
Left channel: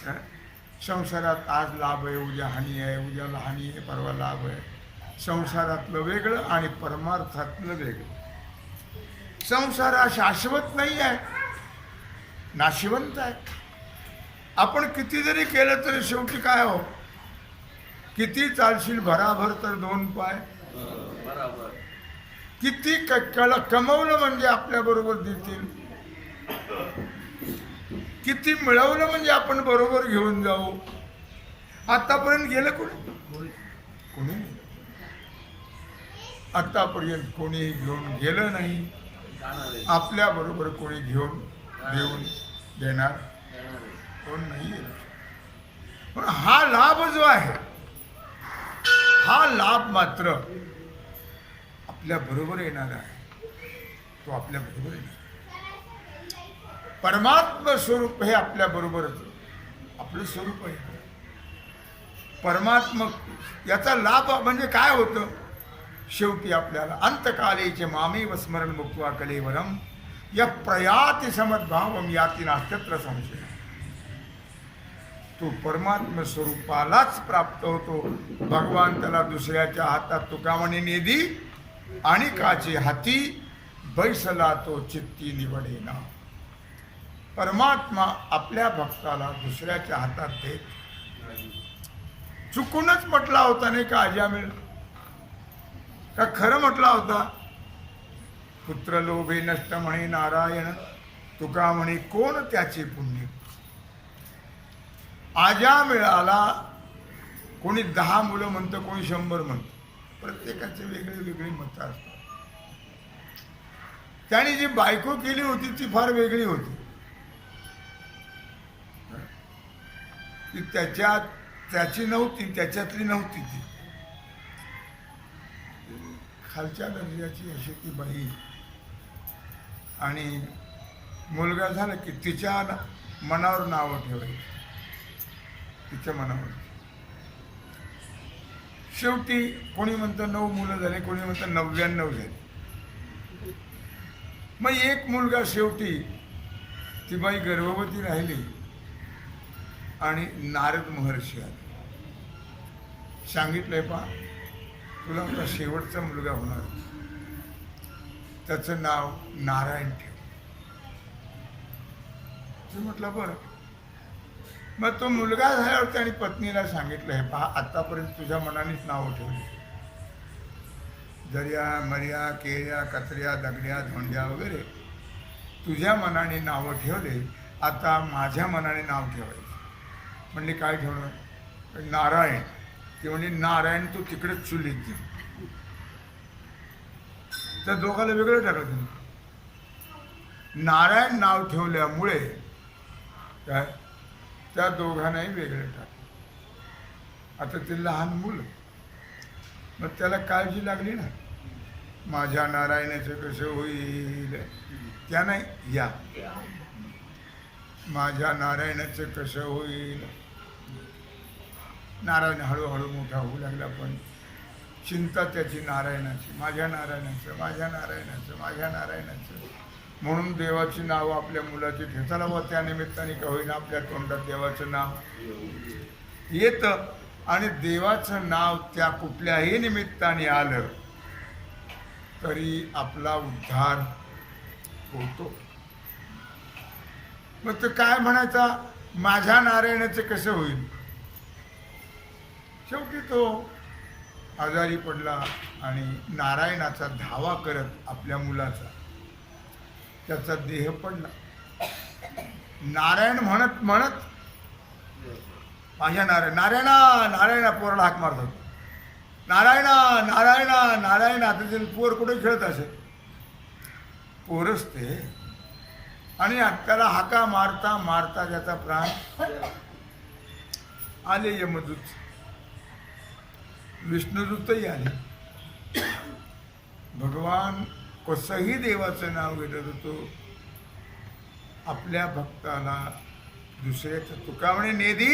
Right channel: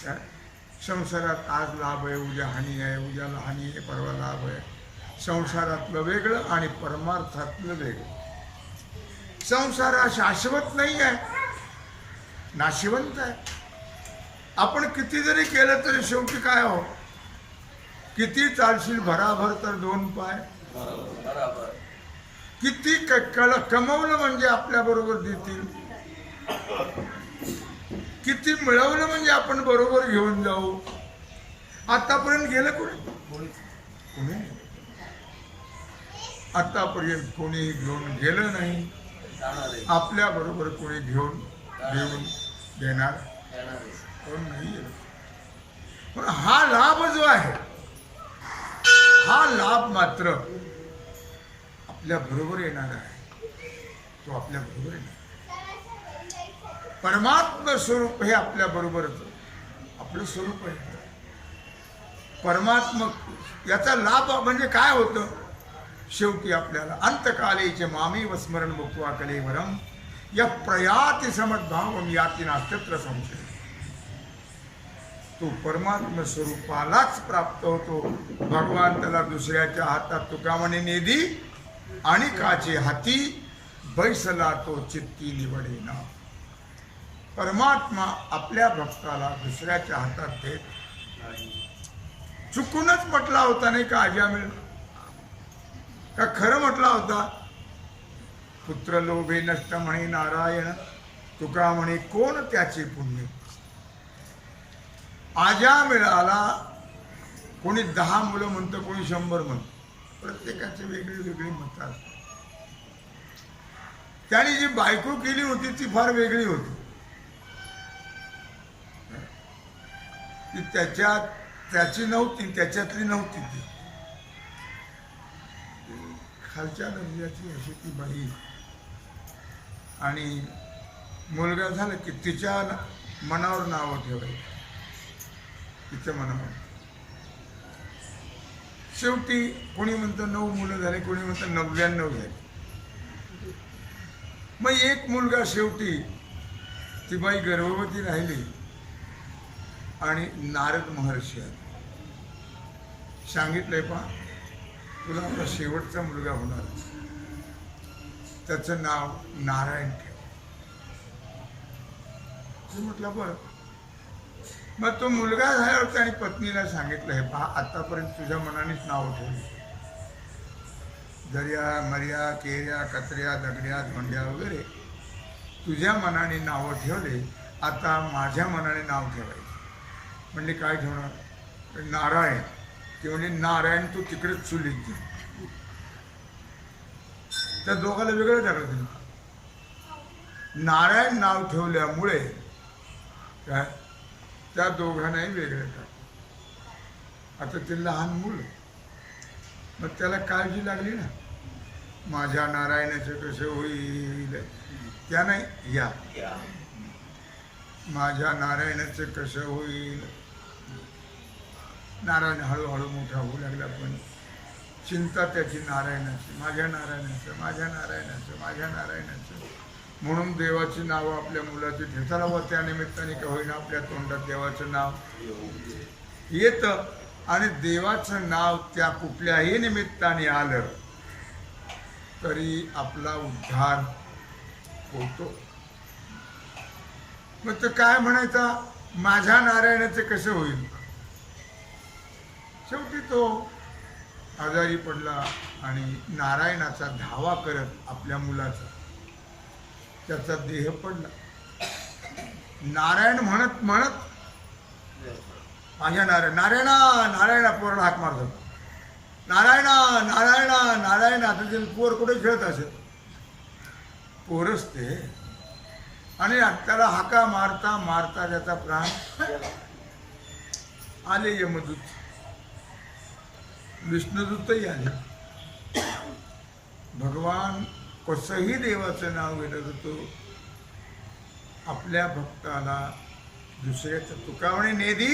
काय संसारात आज लाभ आहे, उद्या हानी आहे, उद्याला हानी आहे, परवा लाभ आहे. संसारातलं वेगळं आणि परमार्थातलं वेगळं. संसार हा शाश्वत नाही आहे, नाशिवंत आहे. आपण किती जरी केलं तरी शेवटी काय हो, किती चालशील भराभर तर दोन पाय. किती कमवलं म्हणजे आपल्या बरोबर देतील, किती मिळवलं म्हणजे आपण बरोबर घेऊन जाऊ. आतापर्यंत गेलं कोणी? कोणी आतापर्यंत कोणी घेऊन गेलं नाही. आपल्या बरोबर कोणी घेऊन देऊन देणार कोण नाही. पण हा लाभ जो आहे, हा लाभ मात्र आपल्या बरोबर येणार आहे. तो आपल्या बरोबर येणार. परमात्म स्वरूप हे आपल्या बरोबरच आपलं स्वरूप आहे. परमात्म याचा लाभ म्हणजे काय होतं? शेवटी आपल्याला अंतकालेचे मामेव स्मरण मुक्त्वा कलेवरम या प्रयाति समद्भावम याति नास्त्यत्र संशय. तो परमात्म स्वरूपालाच प्राप्त होतो. भगवान त्याला दुसऱ्याच्या हातात तुका म्हणे नेदी आणि काचे हाती बैसला तो चित्ती निवडेना. परमात्मा आपल्या भक्ताला दुसऱ्याच्या हातात देत. चुकूनच म्हटला होता नाही का अजामिळ? का खरं म्हटला होता? पुत्र लोभे नष्ट म्हणे नारायण, तुका म्हणे कोण त्याचे पुण्य. अजामिळाला कोणी 10 मुलं म्हणतं, कोणी 100 म्हणतं. प्रत्येकाचे वेगळे वेगळे मत असतात. त्याने जी बायको केली होती ती फार वेगळी होती. ती त्याची नव्हती, त्याच्यातली नव्हती. ती खालच्या दर्जाची अशी ती बाई. आणि मुलगा झाला की तिच्या मनावर नावं ठेवायची, तिच्या मनावर. शेवटी कोणी म्हणतं 9 मुलं झाले, कोणी म्हणतं 99 झाले. मग एक मुलगा शेवटी ती बाई गर्भवती राहिली आणि नारद महर्षी आले. सांगितलंय पहा, तुला आपला शेवटचा मुलगा होणार, त्याचं नाव नारायण ठेव. म्हटलं बरं. मग तो मुलगा झाल्यावर त्याने पत्नीला सांगितलं, हे पहा आतापर्यंत तुझ्या मनानेच नावं ठेवली. दर्या मर्या केऱ्या कचऱ्या दगड्या धोंड्या वगैरे तुझ्या मनाने नावं ठेवले, आता माझ्या मनाने नाव ठेवायचं. म्हणले काय ठेवणार? नारायण. ते म्हणजे नारायण तू तिकडेच चुलीत दे. त्या दोघाला वेगळं टाकलं तिने. नारायण नाव ठेवल्यामुळे काय त्या दोघांनाही वेगळं टाकलं. आता ते लहान मुलं, मग त्याला काळजी लागली ना, माझ्या नारायणाचं कसं होईल. त्या नाही या माझ्या नारायणाचं कसं होईल. नारायण हळूहळू मोठा होऊ लागला, पण चिंता त्याची नारायणाची, माझ्या नारायणाचं, माझ्या नारायणाचं, माझ्या नारायणाचं. म्हणून देवाची नावं आपल्या मुलाची ठेचायला व त्या निमित्ताने का होईना आपल्या तोंडात देवाचं नाव येतं. आणि देवाचं नाव त्या कुठल्याही निमित्ताने आलं तरी आपला उद्धार होतो. मग तो काय म्हणायचा, माझ्या नारायणाचं कसं होईल. शेवटी तो आजारी पडला आणि नारायणाचा धावा करत आपल्या मुलाचा त्याचा देह पडला. नारायण म्हणत म्हणत माझ्या नारायणा नारायणा पोराला हाक मारतो. नारायणा नारायणा नारायणा. आता ते पोर कुठे खेळत असेल, पोरच ते. आणि त्याला हाका मारता मारता त्याचा प्राण आले यमदूत, विष्णुदूतही आले. भगवान कसंही देवाचं नाव घेत होतो, आपल्या भक्ताला दुसऱ्याचं तुका म्हणे नेदी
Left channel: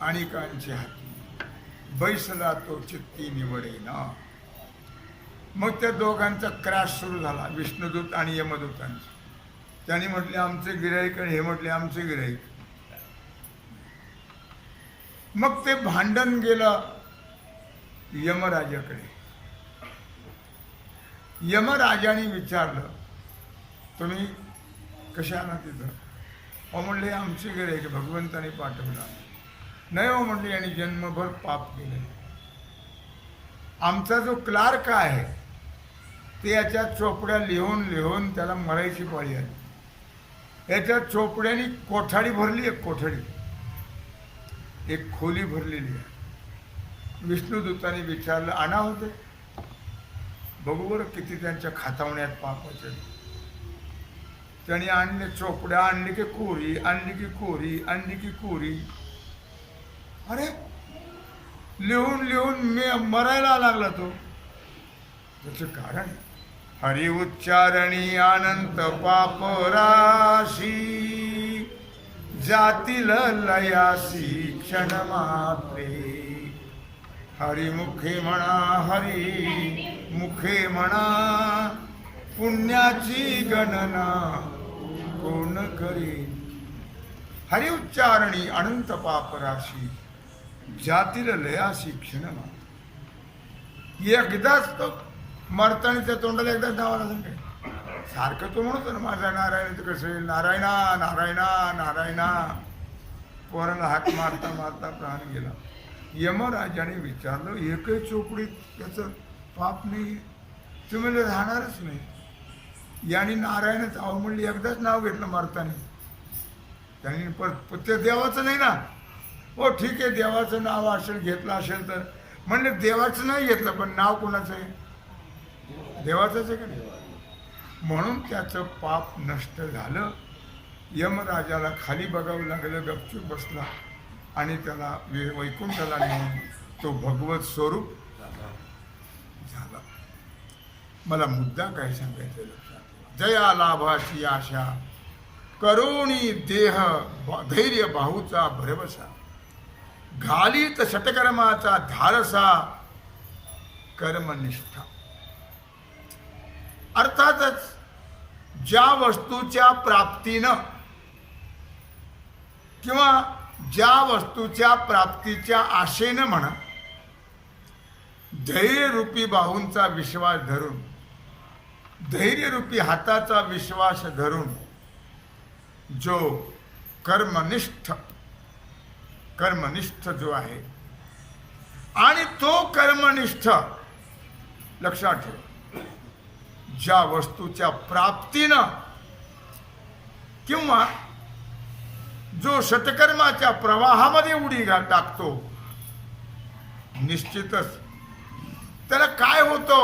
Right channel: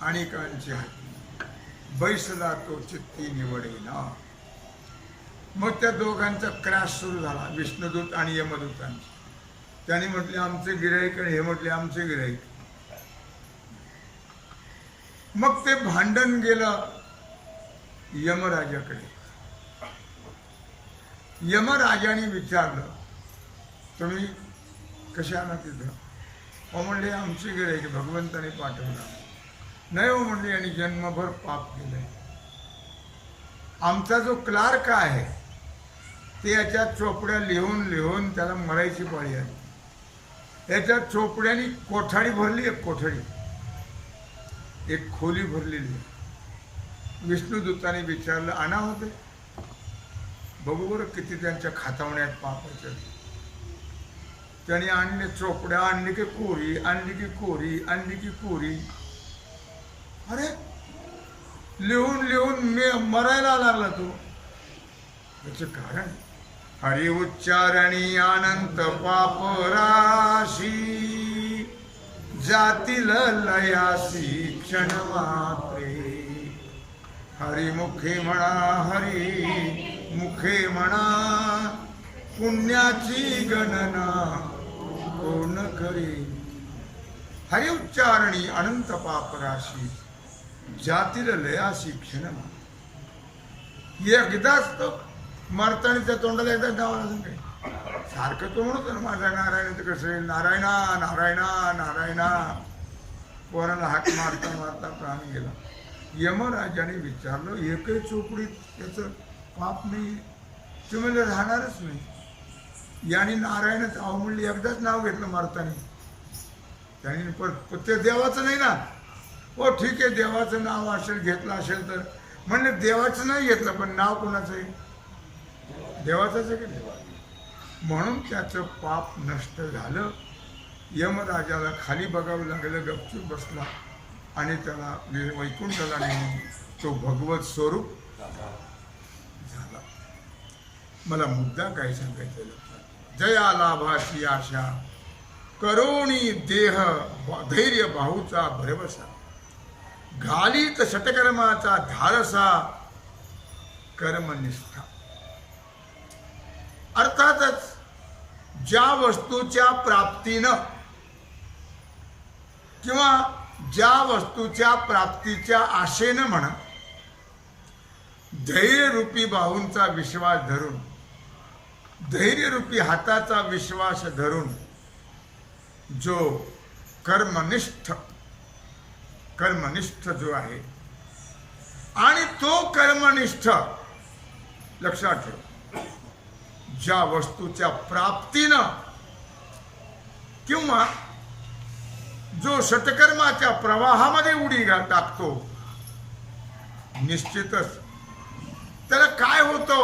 आणि कांची हाती बैसला तो चित्ती निवडे ना. मग त्या दोघांचा क्रॅश सुरू झाला, विष्णुदूत आणि यमदूतांचा. त्यांनी म्हटले आमचे गिऱ्हाईक आणि हे म्हटले आमचे गिऱ्हाईक. मग ते भांडण गेलं यमराजाकडे. यमराजाने विचारलं तुम्ही कसे आला तिथं? हो म्हणले आमचे गिऱ्हाईक भगवंताने पाठवला. नाही हो म्हणले यांनी जन्मभर पाप केलंय. आमचा जो क्लार्क आहे ते याच्या चोपड्या लिहून लिहून त्याला मरायची पाळी आली. याच्या चोपड्यानी कोठाडी भरली, एक कोठडी, एक खोली भरलेली आहे. विष्णुदूताने विचारलं आणा होते बघू बरं किती त्यांच्या खातावण्यात पापाच्या. त्याने आणले चोपड्या, आणली की कोरी, आणली की कोरी, आणली की कोरी. अरे लिहून लिहून मी मरायला लागला तो. त्याचं कारण हरि उच्चारणी अनंत पाप राशी जातील लयासी क्षण मात्रे. हरिमुखे म्हणा हरी मुखे म्हणा पुण्याची गणना कोण करे. हरि उच्चारणी अनंत पाप राशी जातील लयासी क्षण मात्रे. एकदाच तो मरताना त्या तोंडाला एकदाच नावाला सांगाय. सारखं तो म्हणतो ना माझा नारायण तर कसं येईल, नारायणा नारायणा नारायणा. पोराला हाक मारता मारता प्राण गेला. यमराजाने विचारलं एकही चोपडीत त्याचं पाप नाही, ते म्हणजे राहणारच नाही. याने नारायणच अहो म्हणले एकदाच नाव घेतलं मारताना. त्याने परत ते देवाचं नाही ना. हो ठीक आहे देवाचं नाव असेल घेतलं असेल तर म्हणले देवाचं नाही घेतलं पण नाव कोणाचं आहे? देवाचंच आहे की नाही. म्हणून त्याचं पाप नष्ट झालं. यमराजाला खाली बघावं लागलं, गपचूप बसला आणि त्याला वैकुंठाला नेऊन तो भगवत स्वरूप झाला. मला मुद्दा काय सांगायचं लक्षात. जया लाभाची आशा करुणी देह धैर्य बाहूचा भरवसा. घालीत षटकर्माचा धारसा कर्मनिष्ठा. अर्थातच ज्या वस्तूच्या प्राप्तीनं किंवा ज्या वस्तूच्या प्राप्तीच्या आशेनं म्हणा धैर्यरूपी बाहूंचा विश्वास धरून, धैर्यरूपी हाताचा विश्वास धरून जो कर्मनिष्ठ जो आहे आणि तो कर्मनिष्ठ लक्षात ठेव ज्या वस्तूच्या प्राप्तीनं किंवा जो सत्कर्माच्या प्रवाहामध्ये उडी टाकतो निश्चितच त्याला काय होतं,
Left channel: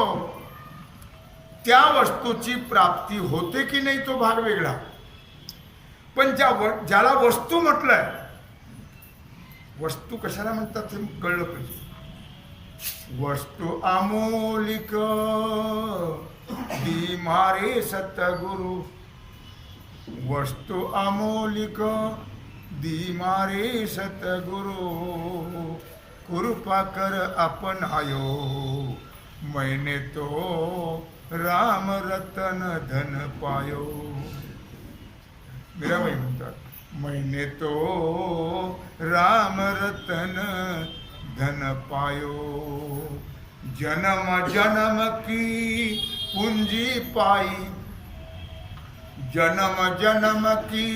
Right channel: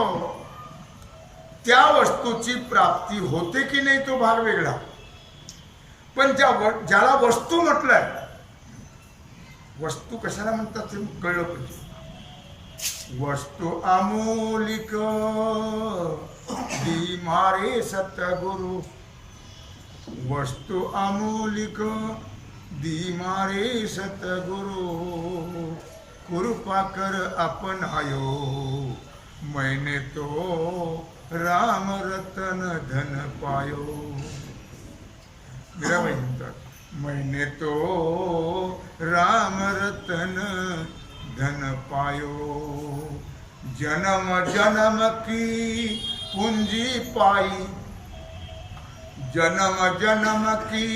त्या वस्तूची प्राप्ती होते की नाही तो भाग वेगळा. पण ज्याला वस्तू म्हटलंय, वस्तू कशाला म्हणतात ते कळलं पाहिजे. वस्तू अमोलिक दी मारे सतगुरु. वस्तू अमोलिक दी मारे सतगुरु. कृपा कर अपनायो मैंने तो राम रतन धन पायो. मीराबाई म्हणतात मैंने तो राम रतन धन पायो. जन्म जन्म की पूंजी पाई, जन्म जन्म की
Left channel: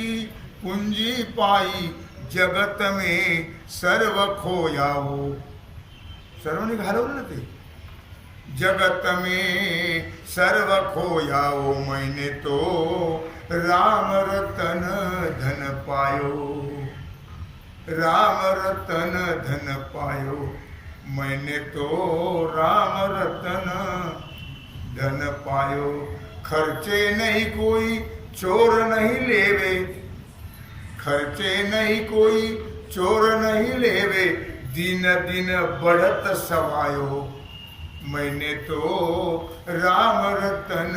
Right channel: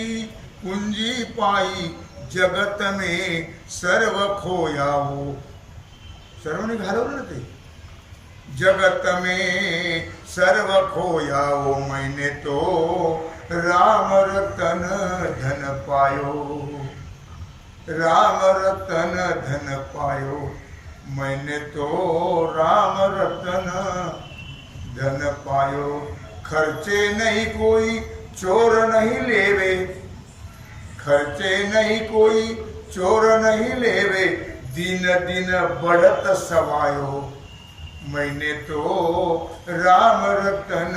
पूंजी पाई. जगत में सर्व खोयाओ. सर्वांनी घालवलं ना ते. जगत में सर्व खोयाओ मैंने तो राम रतन धन पायो. राम रतन धन पायो मैंने तो राम रतन धन पायो. खर्चे नहीं कोई चोर नहीं लेवे, खर्चे नहीं कोई चोर नहीं लेवे, दिन दिन बढ़त सवायो, मैंने तो राम रतन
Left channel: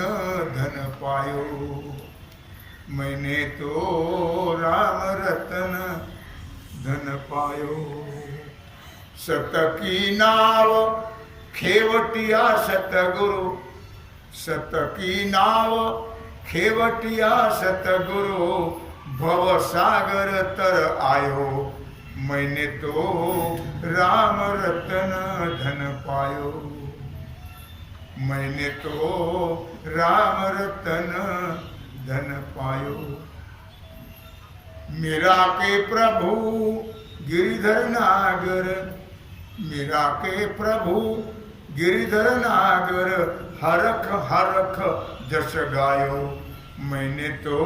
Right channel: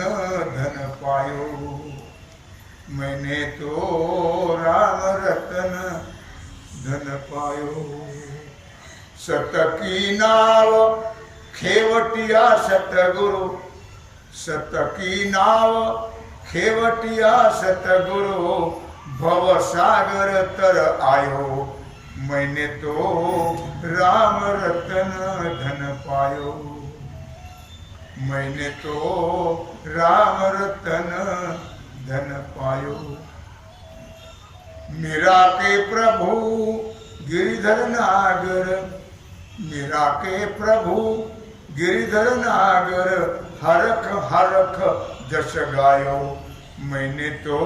धन पायो, मैंने तो राम रतन धन पायो। सत की नाव खेवटिया सतगुरु, सत की नाव खेवटिया सतगुरु, भव सागर तर आयो, मैंने तो राम रतन धन पायो, मैंने तो राम रतन धन पायो। मीरा के प्रभु गिरिधर नागर, मीरा के प्रभु गिरिधर नागर, हरख हरख जस गायो, मैंने तो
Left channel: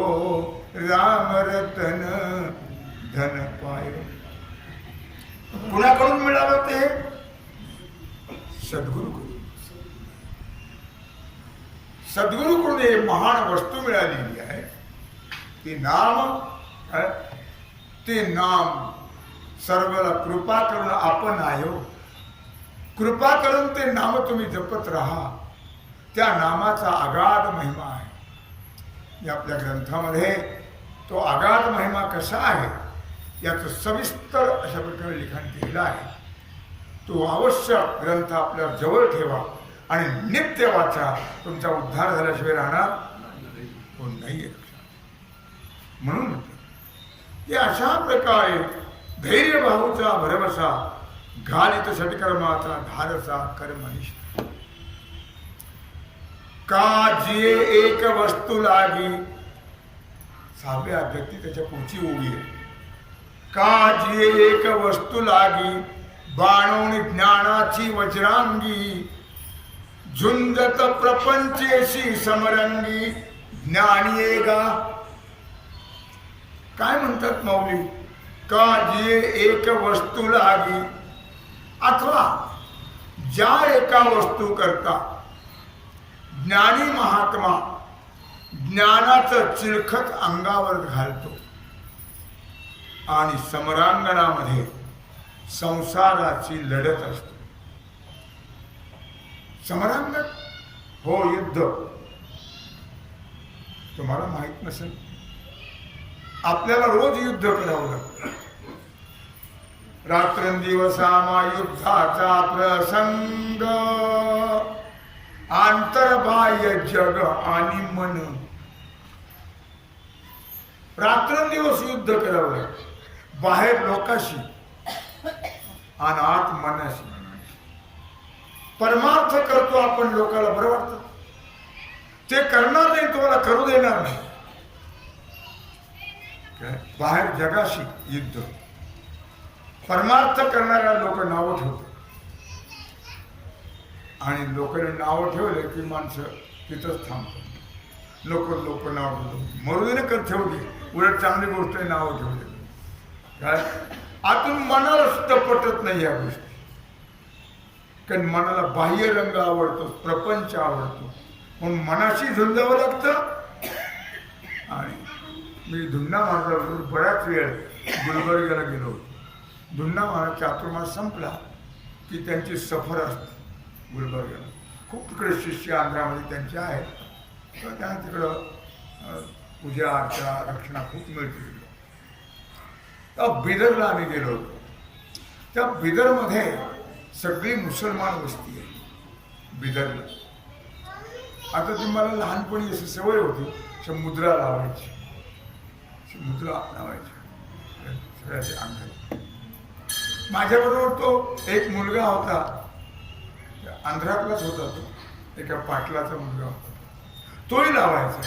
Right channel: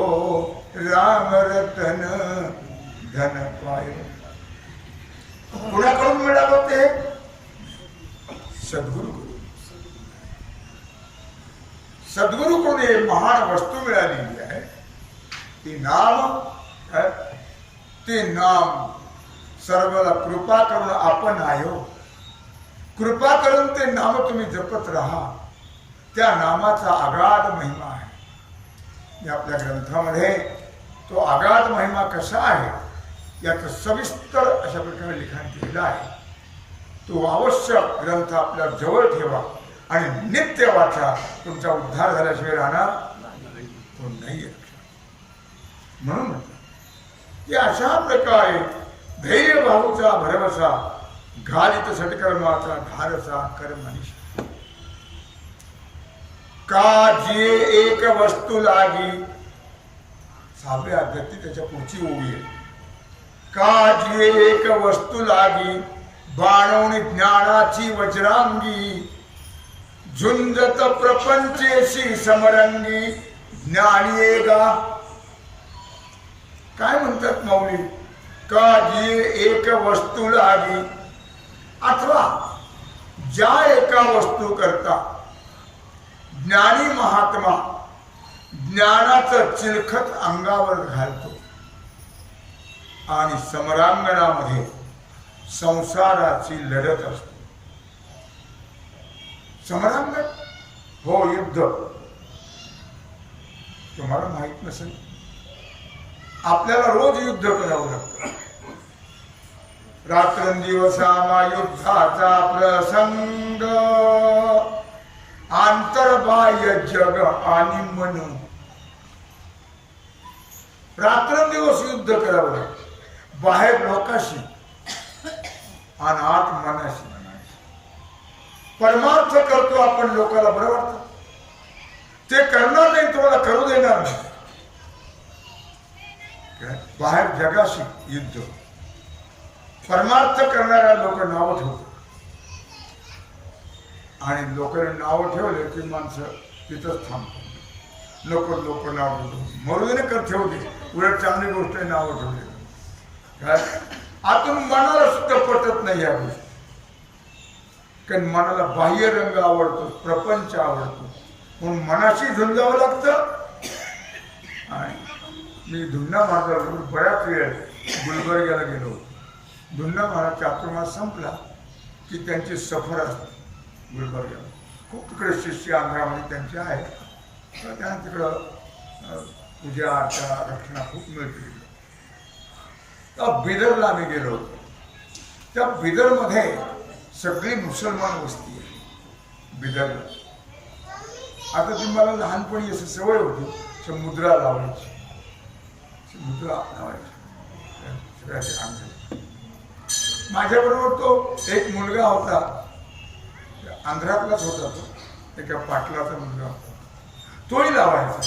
राम रतन धन पायो। कुणाकडून मिळालं ते? सद्गुरूकडून। सद्गुरूकडून एक महान वस्तू मिळालेली आहे, ती नाम, ते नाम सर्वाला कृपा करून आपण आयो, कृपा करून ते नाम तुम्ही जपत राहा, त्या नामाचा आगाध महिमा आहे। या आपल्या ग्रंथामध्ये तो आगाध महिमा कसा आहे याचं सविस्तर अशा प्रकारे लिखाण केलेलं आहे। तो आवश्यक ग्रंथ आपल्या जवळ ठेवा आणि नित्य वाचा, तुमचा उद्धार झाल्याशिवाय राहणार कोण नाही आहे। म्हणून म्हटलं की अशा प्रकारे धैर्य भाऊचा भरवसा, घालित सत्कर्माचा धारसा कर्मनिष्ठ, का जे एक वस्तू लागी, 6व्या अध्यायात त्याच्या पुढची ओवी आहे, का जे एक वस्तू लागी, बाणोनी ज्ञानाची वज्रांगी, झुंजत प्रपंचेशी समरंगी, ज्ञानी येगा। काय म्हणतात माऊली? का जे एक वस्तू लागी, अथवा ज्या एका वस्तू करता ज्ञानी महात्मा ज्ञानाचं चिलखत अंगावर घालतो आणि समरांगणामध्ये संसाराची लढत असते। समरांगण हो युद्ध, तुम्हाला माहित नसेल, आपल्याला रोज युद्ध करावं लागतं। रात्रंदिवसामा युद्धाचा प्रसंग, आंतरबाह्य जग आणि मन, रात्रंदिवस युद्ध करावं लागतं, बाहेर लोकाशी आणि आत मनाशी। परमार्थ करतो आपण, लोकाला बरं वाटतं, ते करणार नाही, तुम्हाला करू देणार नाही। बाहेर जगाशी युद्ध, परमार्थ करणाऱ्या लोक नावं ठेवतात आणि लोकांनी नावं ठेवले की माणसं तिथंच थांबतात। लोक नाव ठेवतो, मरुदीने कर ठेवते, उलट चांगली गोष्ट आहे नावं ठेवले। काय आतून मनाला सुद्धा पटत नाही या गोष्टी, कारण मनाला बाह्य रंग आवडतो, प्रपंच आवडतो, म्हणून मनाशी झुंजावं लागतं। आणि मी धुंडा महाराजाबरोबर बऱ्याच वेळ गुलबर्ग्याला गेलो होतो। धुंडा महाराज चातुर्मास संपला की त्यांची सफर असते गुलबर्ग्याला, खूप तिकडे शिष्य आंध्रामध्ये त्यांचे आहेत, तर त्यांना तिकडं पूजा अर्चा रक्षणा खूप मिळते तिकडं। तर बिदरला आम्ही गेलो होतो, त्या बिदरमध्ये सगळी मुसलमान वस्ती आहे बिदरला। आता ती मला लहानपणी अशी सवय होती, मुद्रा लावायची, मुद्रा लावायची सगळ्याच्या अंगाला। माझ्याबरोबर तो एक मुलगा होता, आंध्रातलाच होता, तो एका पाटलाचा मुलगा होता, तोही लावायचा।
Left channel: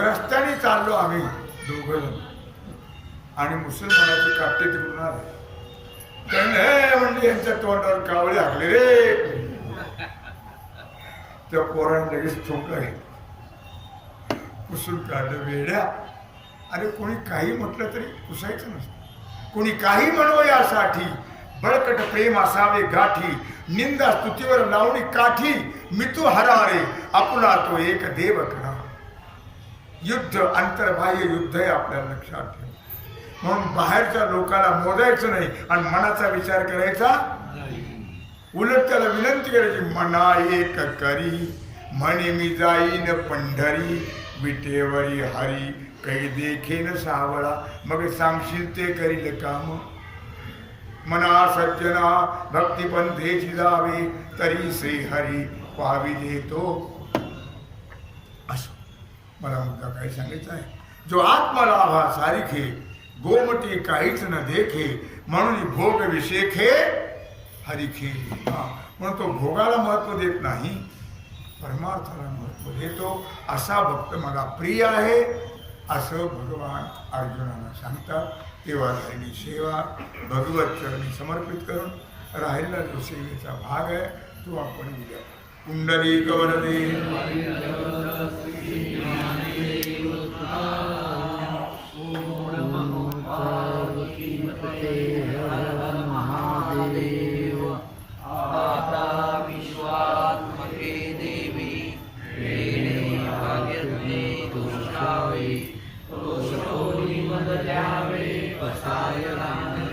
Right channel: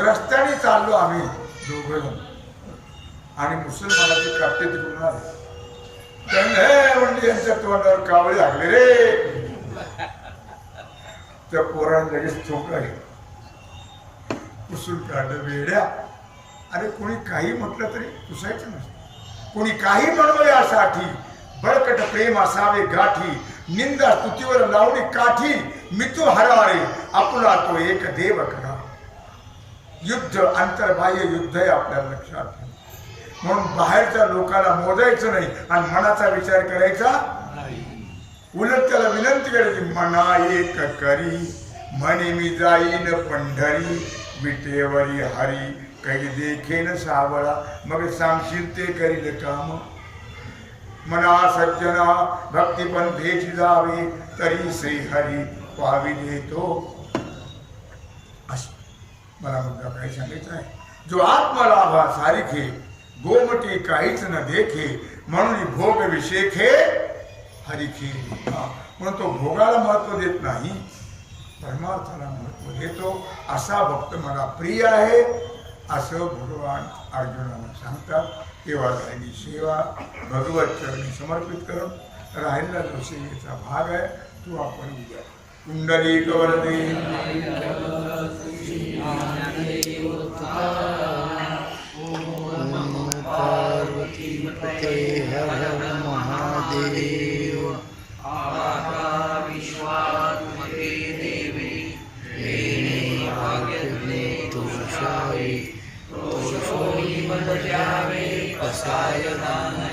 रस्त्याने चाललो आम्ही दोघं, आणि मुसलमानाचे कापटे तिकडून आले, त्याने म्हणजे यांच्या तोंडावर कावळे हाकले रे। त्या पोराने लगेच ठोकला, पुसून काढलं वेड्या। अरे कोणी काही म्हटलं तरी पुसायचं नसतं, कोणी काही म्हणो यासाठी, बळकट प्रेम असावे गाठी, निंदा स्तुतीवर लावणी काठी, मितू हरारे आपला तो एक देव करा। युद्ध अंतर्बाह्य युद्ध आहे, आपल्याला लक्षात ठेवा। म्हणून बाहेरच्या लोकाला मोजायचं नाही आणि मनाचा विचार करायचा उलट त्याला विनंती करायची, मना एक करी म्हणे मी जाईन पंढरी, विटेवरी हरी काही देखेन सावळा, मग सांगशील ते करील काम. मना सज्जना भक्तिपंथेची जावे, तरी श्री हरी पावी देतो. असं मला मुद्दा काय सांगायचा आहे. जो आत्मलाभा सारिखे गोमटी काहीच न देखे, म्हणून भोग विषेखे हरिखे. म्हणून तो भोगाला महत्व देत नाही, परमार्थाला महत्व देतो. असा भक्त मला प्रिय आहे असं भगवान अर्जुनाला सांगतात. तेव्हा झालेली सेवा भगवत चरणी समर्पित करून राहिलेला जो सेवेचा भाग आहे तो आपण उद्या कुंडलिक वरदे. महादेव तुषावी तो सोई मन जावे, पसायदान